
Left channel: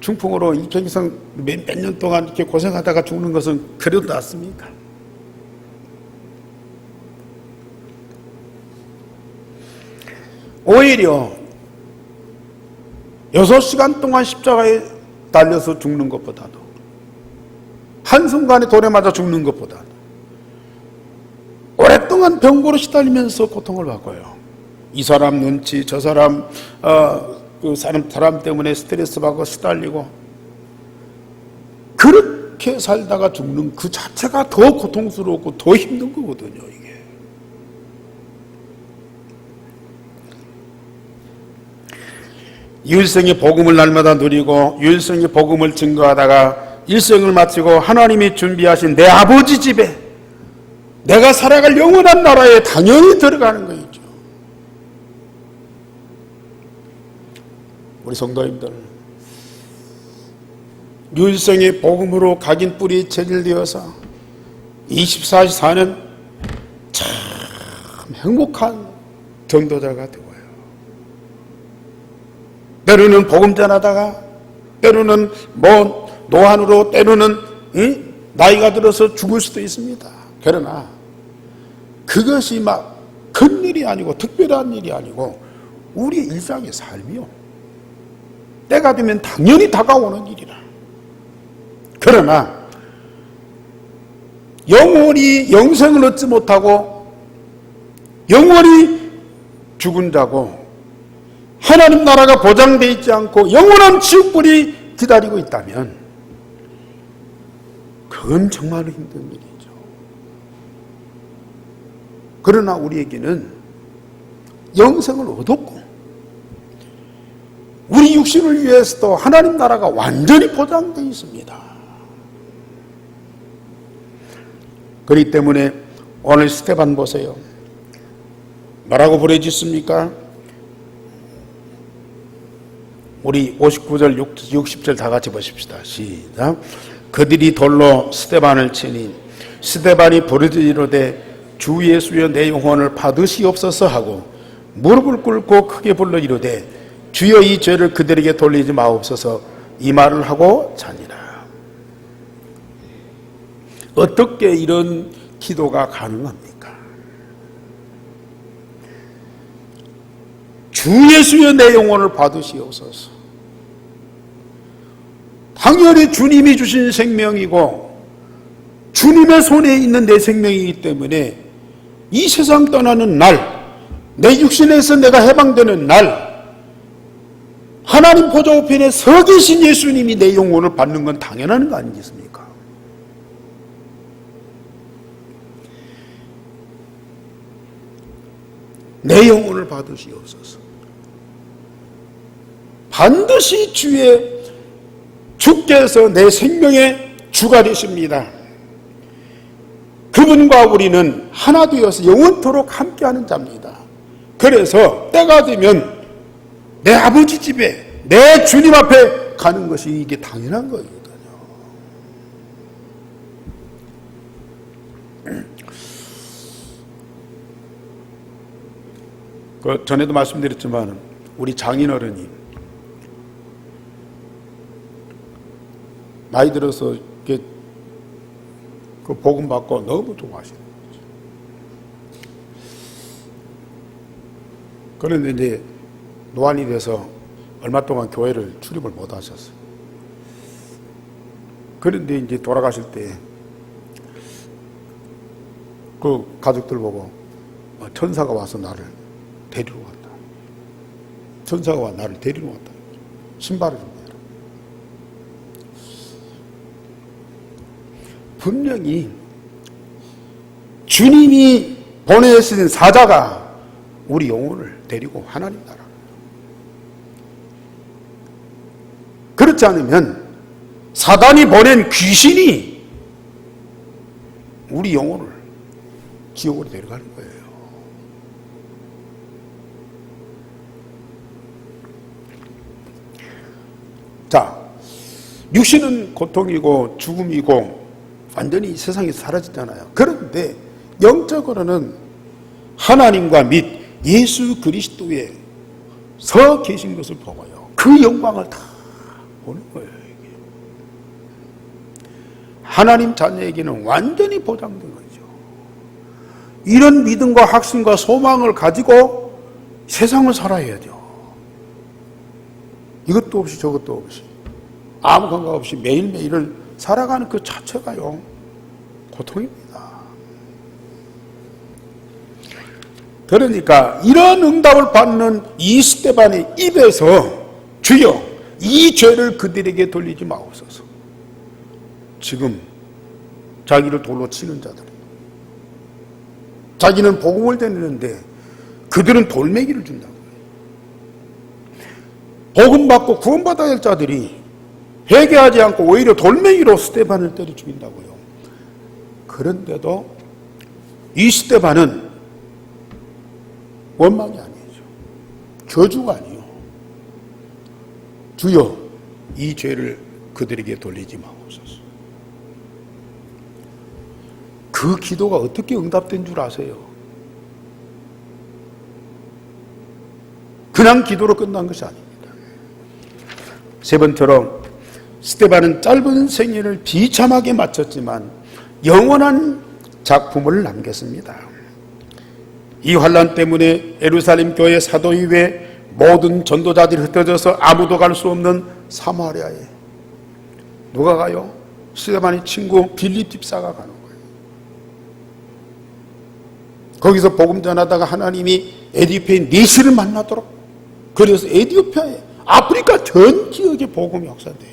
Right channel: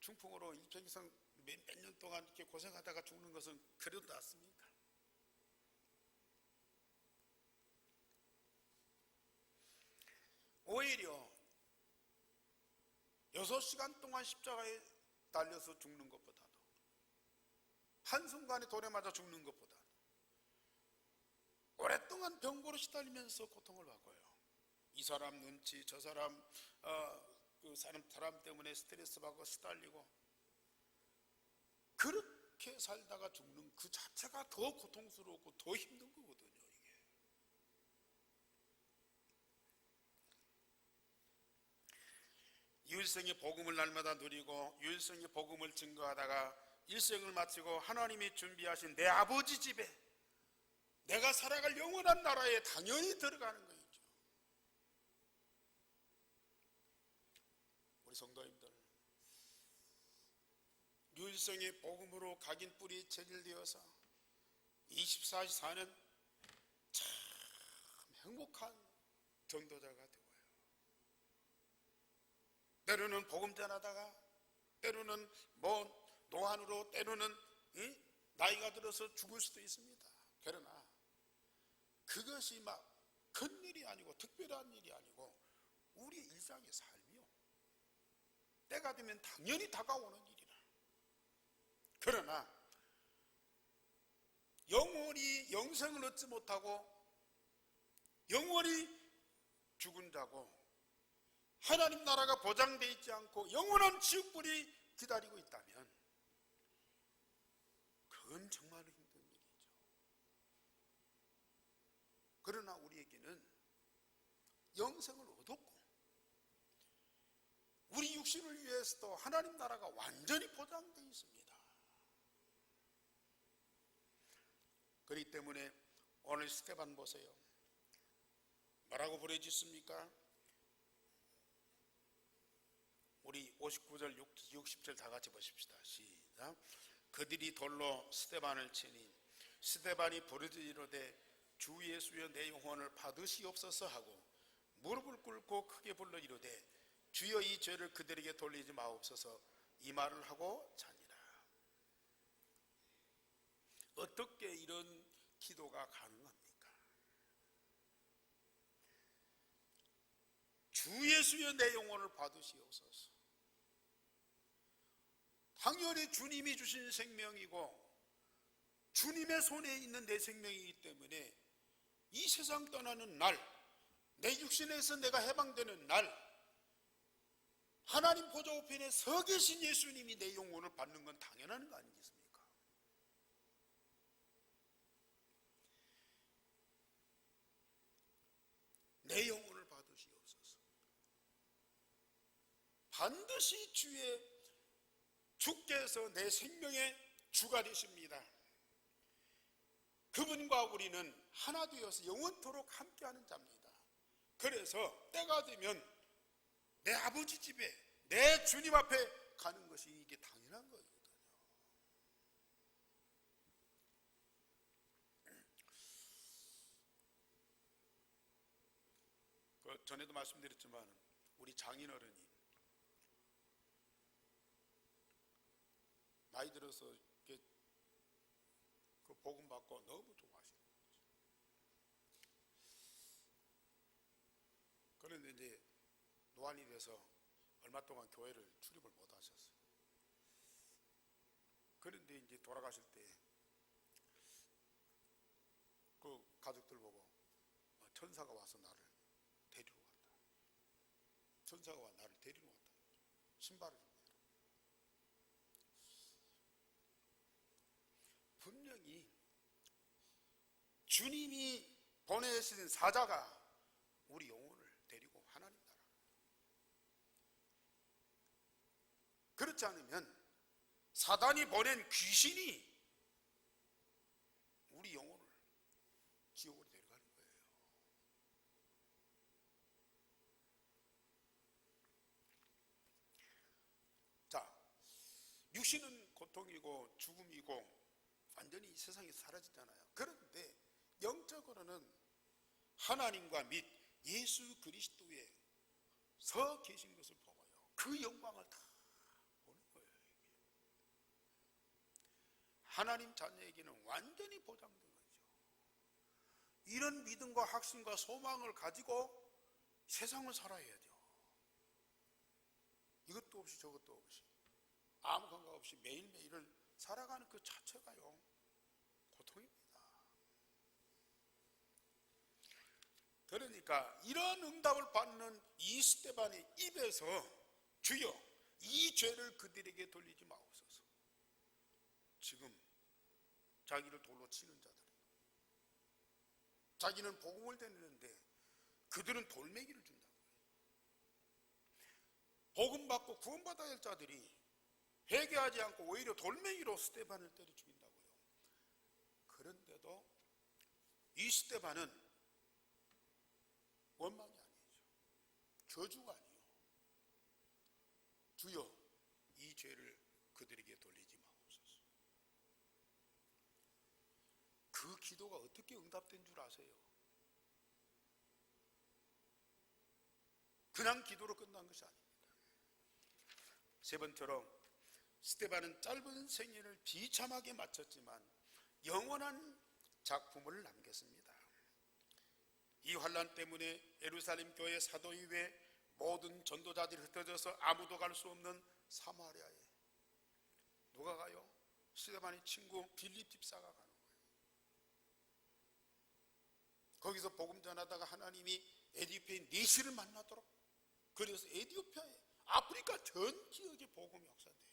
중풍으로 일평생 몇 년 동안 이렇게 고생하다가 죽는 것은 그래도 낫습니까? 오히려 6시간 동안 십자가에 달려서 죽는 것보다도, 한순간에 돌에 맞아 죽는 것보다도 오랫동안 병고로 시달리면서 고통을 받고요. 이 사람 눈치, 저 사람 그 사람 때문에 스트레스 받고 시달리고, 그렇게 살다가 죽는 그 자체가 더 고통스럽고 더 힘든 거거든요, 이게. 일생의 복음을 날마다 누리고 일생의 복음을 증거하다가 일생을 마치고 하나님이 준비하신 내 아버지 집에, 내가 살아갈 영원한 나라에 당연히 들어가는 거죠. 우리 성도님들, 일생의 복음으로 각인 뿌리 체질되어서 24시 사는 참 행복한 전도자가 되어요. 때로는 복음 전하다가, 때로는 노안으로, 때로는 나이가 들어서 죽을 수도 있습니다. 그러나 그것이 막 큰일이 아니고 특별한 일이 아니고 우리의 일상의 삶이요, 때가 되면 당연히 다가오는 일이라. 그러나 영원히 영생을 얻지 못하고 영원히 죽은 자고 하나님 나라가 보장되어 있지 않고 영원한 지옥불이 기다리고 있다면 그건 정말 힘든 일이죠. 그러나 우리에게는 영생을 얻었고 우리 육신을 위해서도 하나님 나라가 완전히 보장되어 있습니다. 그렇기 때문에 오늘 스데반 보세요. 뭐라고 부르짖습니까? 우리 59절 60절 다 같이 보십시다. 시작. 그들이 돌로 스데반을 치니 스데반이 부르짖으로되 주 예수여 내 영혼을 받으시옵소서 하고 무릎을 꿇고 크게 불러 이르되 주여 이 죄를 그들에게 돌리지 마옵소서, 이 말을 하고 자니라. 어떻게 이런 기도가 가능합니까? 주 예수여 내 영혼을 받으시옵소서. 당연히 주님이 주신 생명이고 주님의 손에 있는 내 생명이기 때문에 이 세상 떠나는 날, 내 육신에서 내가 해방되는 날, 하나님 보좌 우편에 서 계신 예수님이 내 영혼을 받는 건 당연한 거 아니겠습니까? 내 영혼을 받으시옵소서. 반드시 주께서 내 생명의 주가 되십니다. 그분과 우리는 하나 되어서 영원토록 함께하는 자입니다. 그래서 때가 되면 내 아버지 집에, 내 주님 앞에 가는 것이 이게 당연한 거거든요. 전에도 말씀드렸지만 우리 장인어른이 나이 들어서 이렇게 그 복음 받고 너무 좋아하시는 거죠. 그런데 이제 노안이 돼서 얼마 동안 교회를 출입을 못 하셨어요. 그런데 이제 돌아가실 때 그 가족들 보고 천사가 와서 나를 데리러 왔다. 천사가 와 나를 데리러 왔다. 신발을 좀 내라. 분명히 주님이 보내신 사자가 우리 영혼을 데리고 하나님 나라. 그렇지 않으면 사단이 보낸 귀신이 우리 영혼을 지옥으로 데려가는 거예요. 자, 육신은 고통이고 죽음이고 완전히 세상에서 사라졌잖아요. 그런데 영적으로는 하나님과 및 예수 그리스도에 서 계신 것을 보고요. 그 영광을 다 보는 거예요. 이게. 하나님 자녀에게는 완전히 보장된 거죠. 이런 믿음과 확신과 소망을 가지고 세상을 살아야죠. 이것도 없이 저것도 없이 아무 감각 없이 매일매일을 살아가는 그 자체가요 고통입니다. 그러니까 이런 응답을 받는 이 스데반의 입에서 주여 이 죄를 그들에게 돌리지 마옵소서. 지금 자기를 돌로 치는 자들, 자기는 복음을 전하는데 그들은 돌멩이를 준다고. 복음 받고 구원받아야 할 자들이 회개하지 않고 오히려 돌멩이로 스데반을 때려 죽인다고요. 그런데도 이 스데반은 원망이 아니죠. 저주가 아니요. 주여 이 죄를 그들에게 돌리지 마옵소서. 그 기도가 어떻게 응답된 줄 아세요? 그냥 기도로 끝난 것이 아닙니다. 세 번째로 스데반은 짧은 생애를 비참하게 마쳤지만 영원한 작품을 남겼습니다. 이 환난 때문에 예루살렘 교회 사도 이외에 모든 전도자들이 흩어져서 아무도 갈 수 없는 사마리아에 누가 가요? 스데반의 친구 빌립 집사가 가는 거예요. 거기서 복음 전하다가 하나님이 에디오피아의 니시를 만나도록, 그래서 에디오피아에 아프리카 전 지역에 복음이 확산돼요.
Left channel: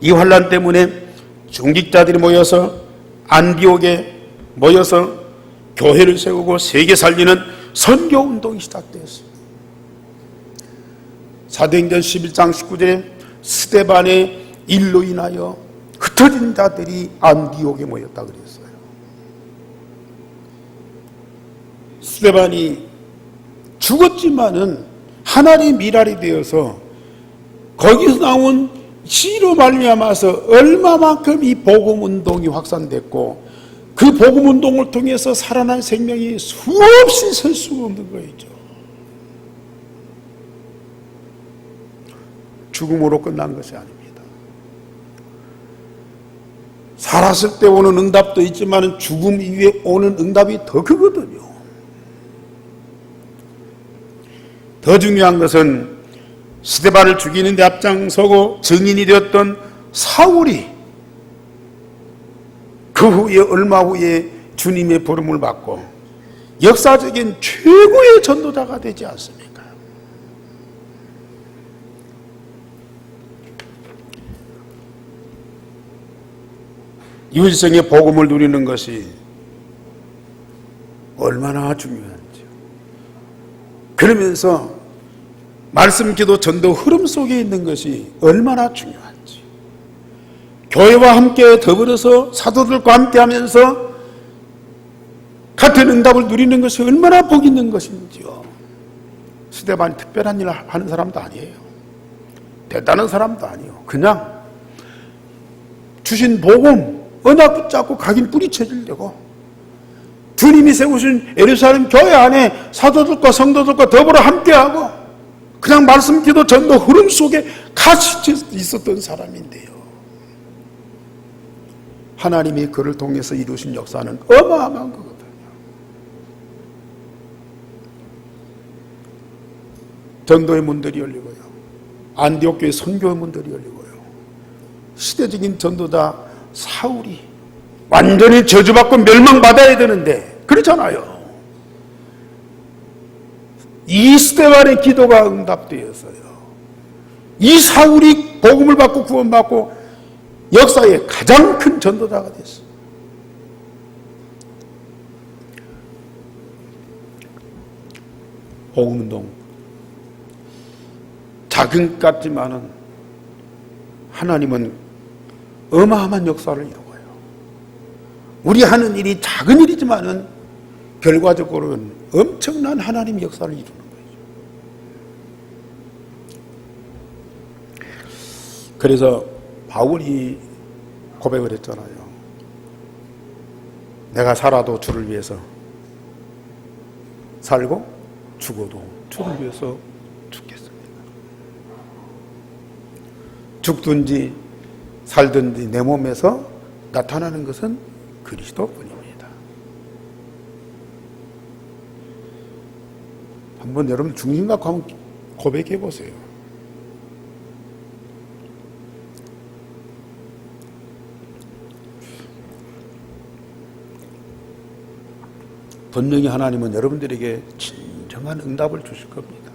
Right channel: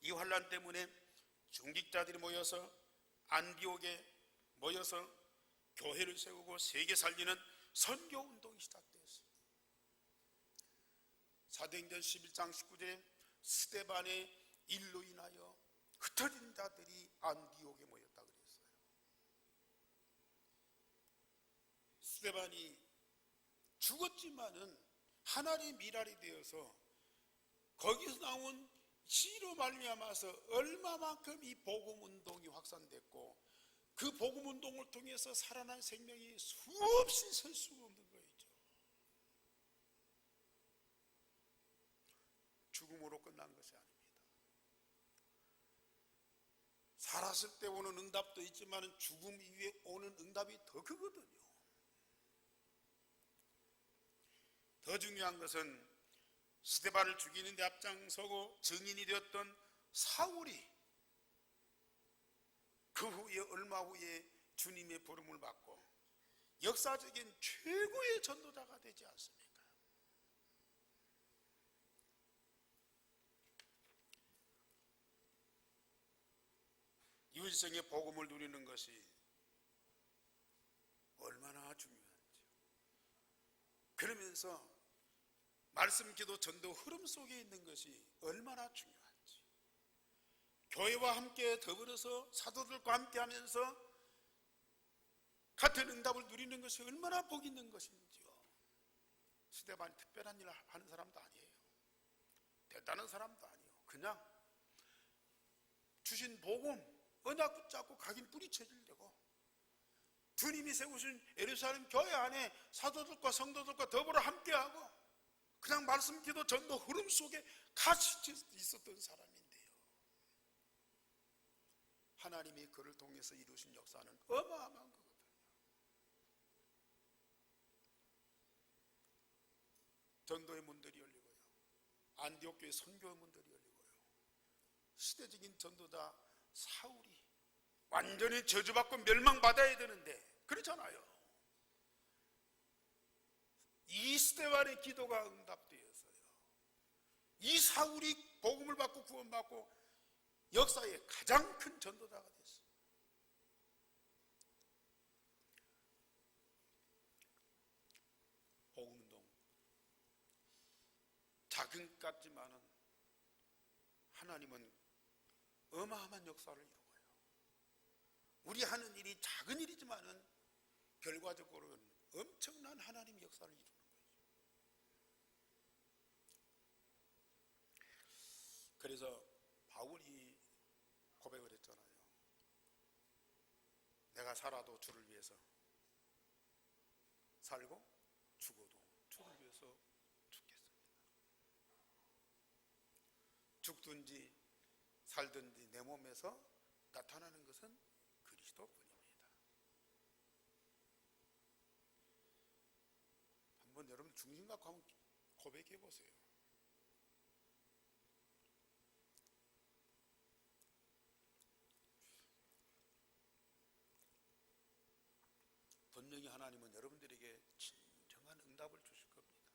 이 환난 때문에 중직자들이 모여서 안디옥에 모여서 교회를 세우고 세계 살리는 선교운동이 시작되었어요. 사도행전 11장 19절에 스데반의 일로 인하여 흩어진 자들이 안디옥에 모였다 그랬어요. 스데반이 죽었지만은 하나님의 미랄이 되어서 거기서 나온 시로 말미암아서 얼마만큼 이 복음운동이 확산됐고 그 복음운동을 통해서 살아난 생명이 수없이 설 수가 없는 거였죠. 죽음으로 끝난 것이 아닙니다. 살았을 때 오는 응답도 있지만 죽음 이후에 오는 응답이 더 크거든요. 더 중요한 것은 스데반을 죽이는 데 앞장서고 증인이 되었던 사울이 그 후에 얼마 후에 주님의 부름을 받고 역사적인 최고의 전도자가 되지 않습니까? 유일성의 복음을 누리는 것이 얼마나 중요한지요. 그러면서 말씀, 기도, 전도 흐름 속에 있는 것이 얼마나 중요한지, 교회와 함께 더불어서 사도들과 함께 하면서 같은 응답을 누리는 것이 얼마나 복 있는 것인지요. 스데반이 특별한 일을 하는 사람도 아니에요. 대단한 사람도 아니에요. 그냥 주신 복음, 언약 붙잡고 각인 뿌리쳐지려고 주님이 세우신 예루살렘 교회 안에 사도들과 성도들과 더불어 함께하고 그냥 말씀, 기도, 전도 흐름 속에 같이 있었던 사람인데요. 하나님이 그를 통해서 이루신 역사는 어마어마한 거거든요. 전도의 문들이 열리고요. 안디옥 교회 선교의 문들이 열리고요. 시대적인 전도자 사울이 완전히 저주받고 멸망받아야 되는데 그렇잖아요. 이 스데반의 기도가 응답되었어요. 이 사울이 복음을 받고 구원받고 역사의 가장 큰 전도자가 됐어요. 복음운동 작은 것 같지만은 하나님은 어마어마한 역사를 이루어요. 우리 하는 일이 작은 일이지만은 결과적으로는 엄청난 하나님의 역사를 이루는 거예요. 그래서 바울이 고백을 했잖아요. 내가 살아도 주를 위해서 살고 죽어도 주를 위해서 죽겠습니다. 죽든지 살든지 내 몸에서 나타나는 것은 그리스도뿐입니다. 한번 여러분 중심 갖고 한번 고백해 보세요. 분명히 하나님은 여러분들에게 진정한 응답을 주실 겁니다.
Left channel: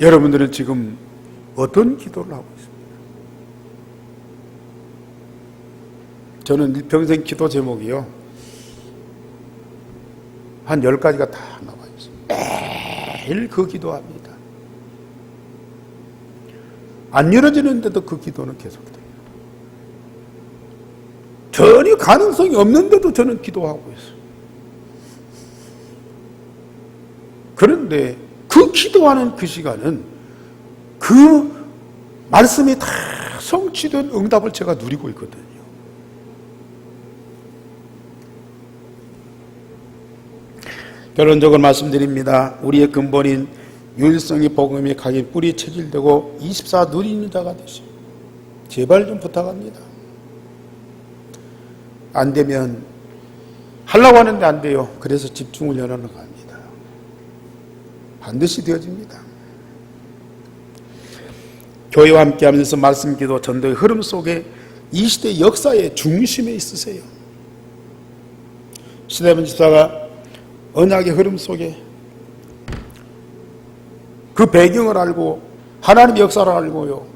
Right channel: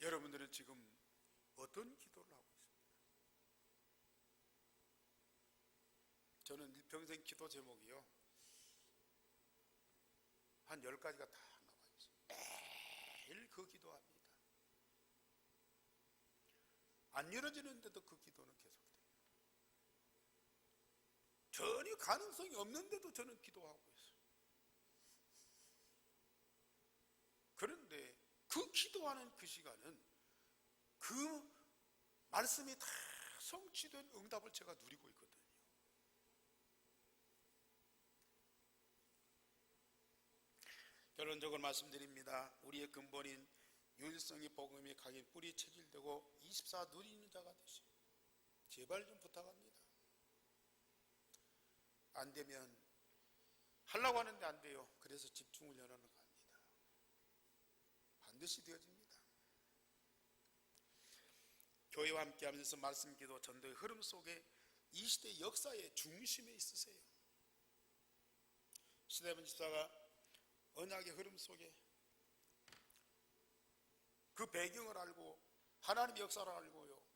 여러분들은 지금 어떤 기도를 하고 있습니까? 저는 일평생 기도 제목이요, 한 10가지가 다 나와 있습니다. 매일 그 기도합니다. 안 이루어지는데도 그 기도는 계속돼요. 전혀 가능성이 없는데도 저는 기도하고 있어요. 그런데 그 기도하는 그 시간은 그 말씀이 다 성취된 응답을 제가 누리고 있거든요. 결론적으로 말씀드립니다. 우리의 근본인 유일성의 복음이 각인 뿌리 체질되고 24 누리는 자가 되시오. 제발 좀 부탁합니다. 안 되면 하려고 하는데 안 돼요. 그래서 집중을 연하는 겁니다. 반드시 되어집니다. 교회와 함께하면서 말씀, 기도, 전도의 흐름 속에 이 시대 역사의 중심에 있으세요. 스데반 집사가 언약의 흐름 속에 그 배경을 알고 하나님의 역사를 알고요,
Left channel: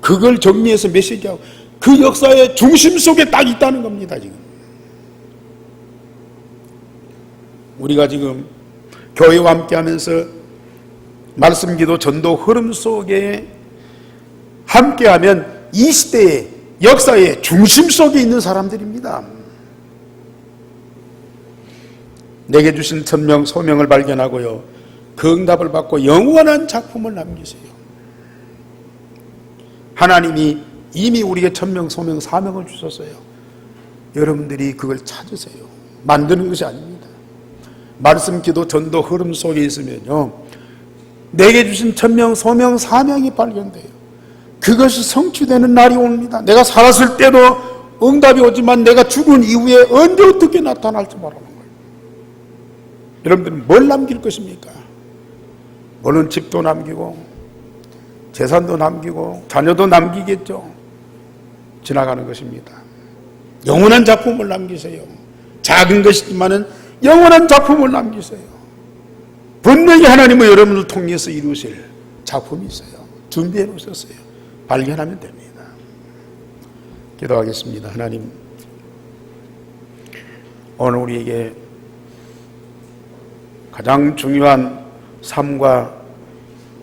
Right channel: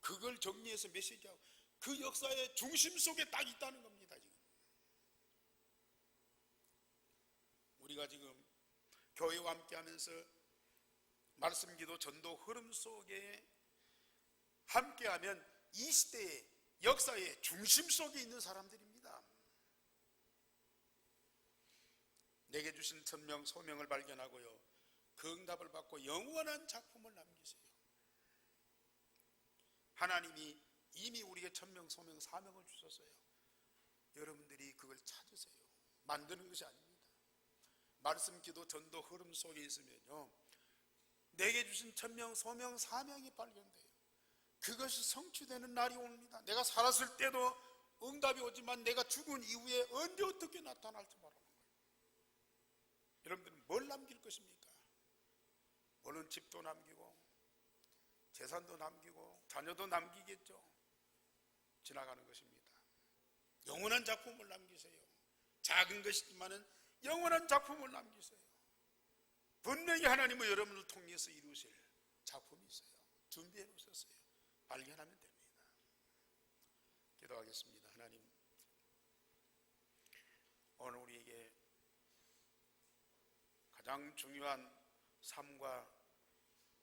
그걸 정리해서 메시지하고 그 역사의 중심 속에 딱 있다는 겁니다. 지금 우리가 지금 교회와 함께하면서 말씀, 기도, 전도 흐름 속에 함께하면 이 시대의 역사의 중심 속에 있는 사람들입니다. 내게 주신 천명 소명을 발견하고요, 그 응답을 받고 영원한 작품을 남기세요. 하나님이 이미 우리에게 천명 소명 사명을 주셨어요. 여러분들이 그걸 찾으세요. 만드는 것이 아닙니다. 말씀, 기도, 전도 흐름 속에 있으면요, 내게 주신 천명 소명 사명이 발견돼요. 그것이 성취되는 날이 옵니다. 내가 살았을 때도 응답이 오지만 내가 죽은 이후에 언제 어떻게 나타날지 모르는 거예요. 여러분들은 뭘 남길 것입니까? 물론 집도 남기고 재산도 남기고 자녀도 남기겠죠. 지나가는 것입니다. 영원한 작품을 남기세요. 작은 것이지만은 영원한 작품을 남기세요. 분명히 하나님은 여러분을 통해서 이루실 작품이 있어요. 준비해 놓으셨어요. 발견하면 됩니다. 기도하겠습니다. 하나님, 오늘 우리에게 가장 중요한 삶과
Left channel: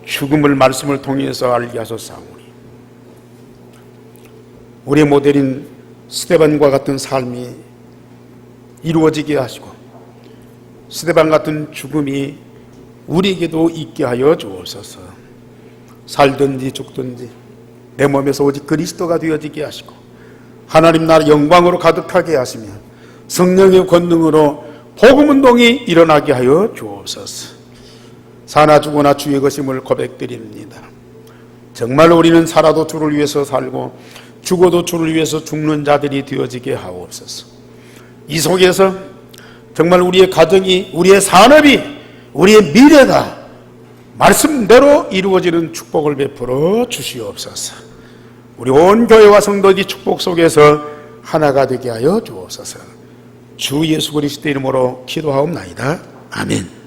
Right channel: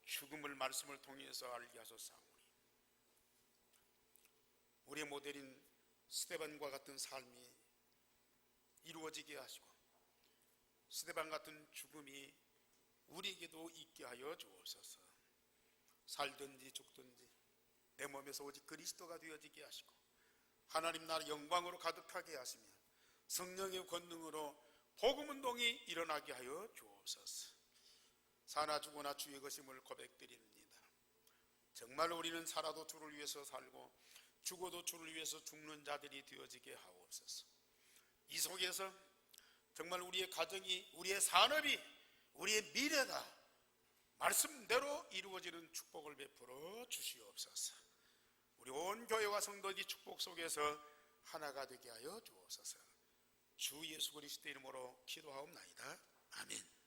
죽음을 말씀을 통해서 알게 하셨사오니, 우리의 모델인 스데반과 같은 삶이 이루어지게 하시고 스데반 같은 죽음이 우리에게도 있게 하여 주옵소서. 살든지 죽든지 내 몸에서 오직 그리스도가 되어지게 하시고 하나님 나라 영광으로 가득하게 하시며 성령의 권능으로 복음운동이 일어나게 하여 주옵소서. 사나 죽으나 주의 것임을 고백드립니다. 정말 우리는 살아도 주를 위해서 살고 죽어도 주를 위해서 죽는 자들이 되어지게 하옵소서. 이 속에서 정말 우리의 가정이, 우리의 산업이, 우리의 미래가 말씀대로 이루어지는 축복을 베풀어 주시옵소서. 우리 온 교회와 성도들이 축복 속에서 하나가 되게 하여 주옵소서. 주 예수 그리스도 이름으로 기도하옵나이다. 아멘.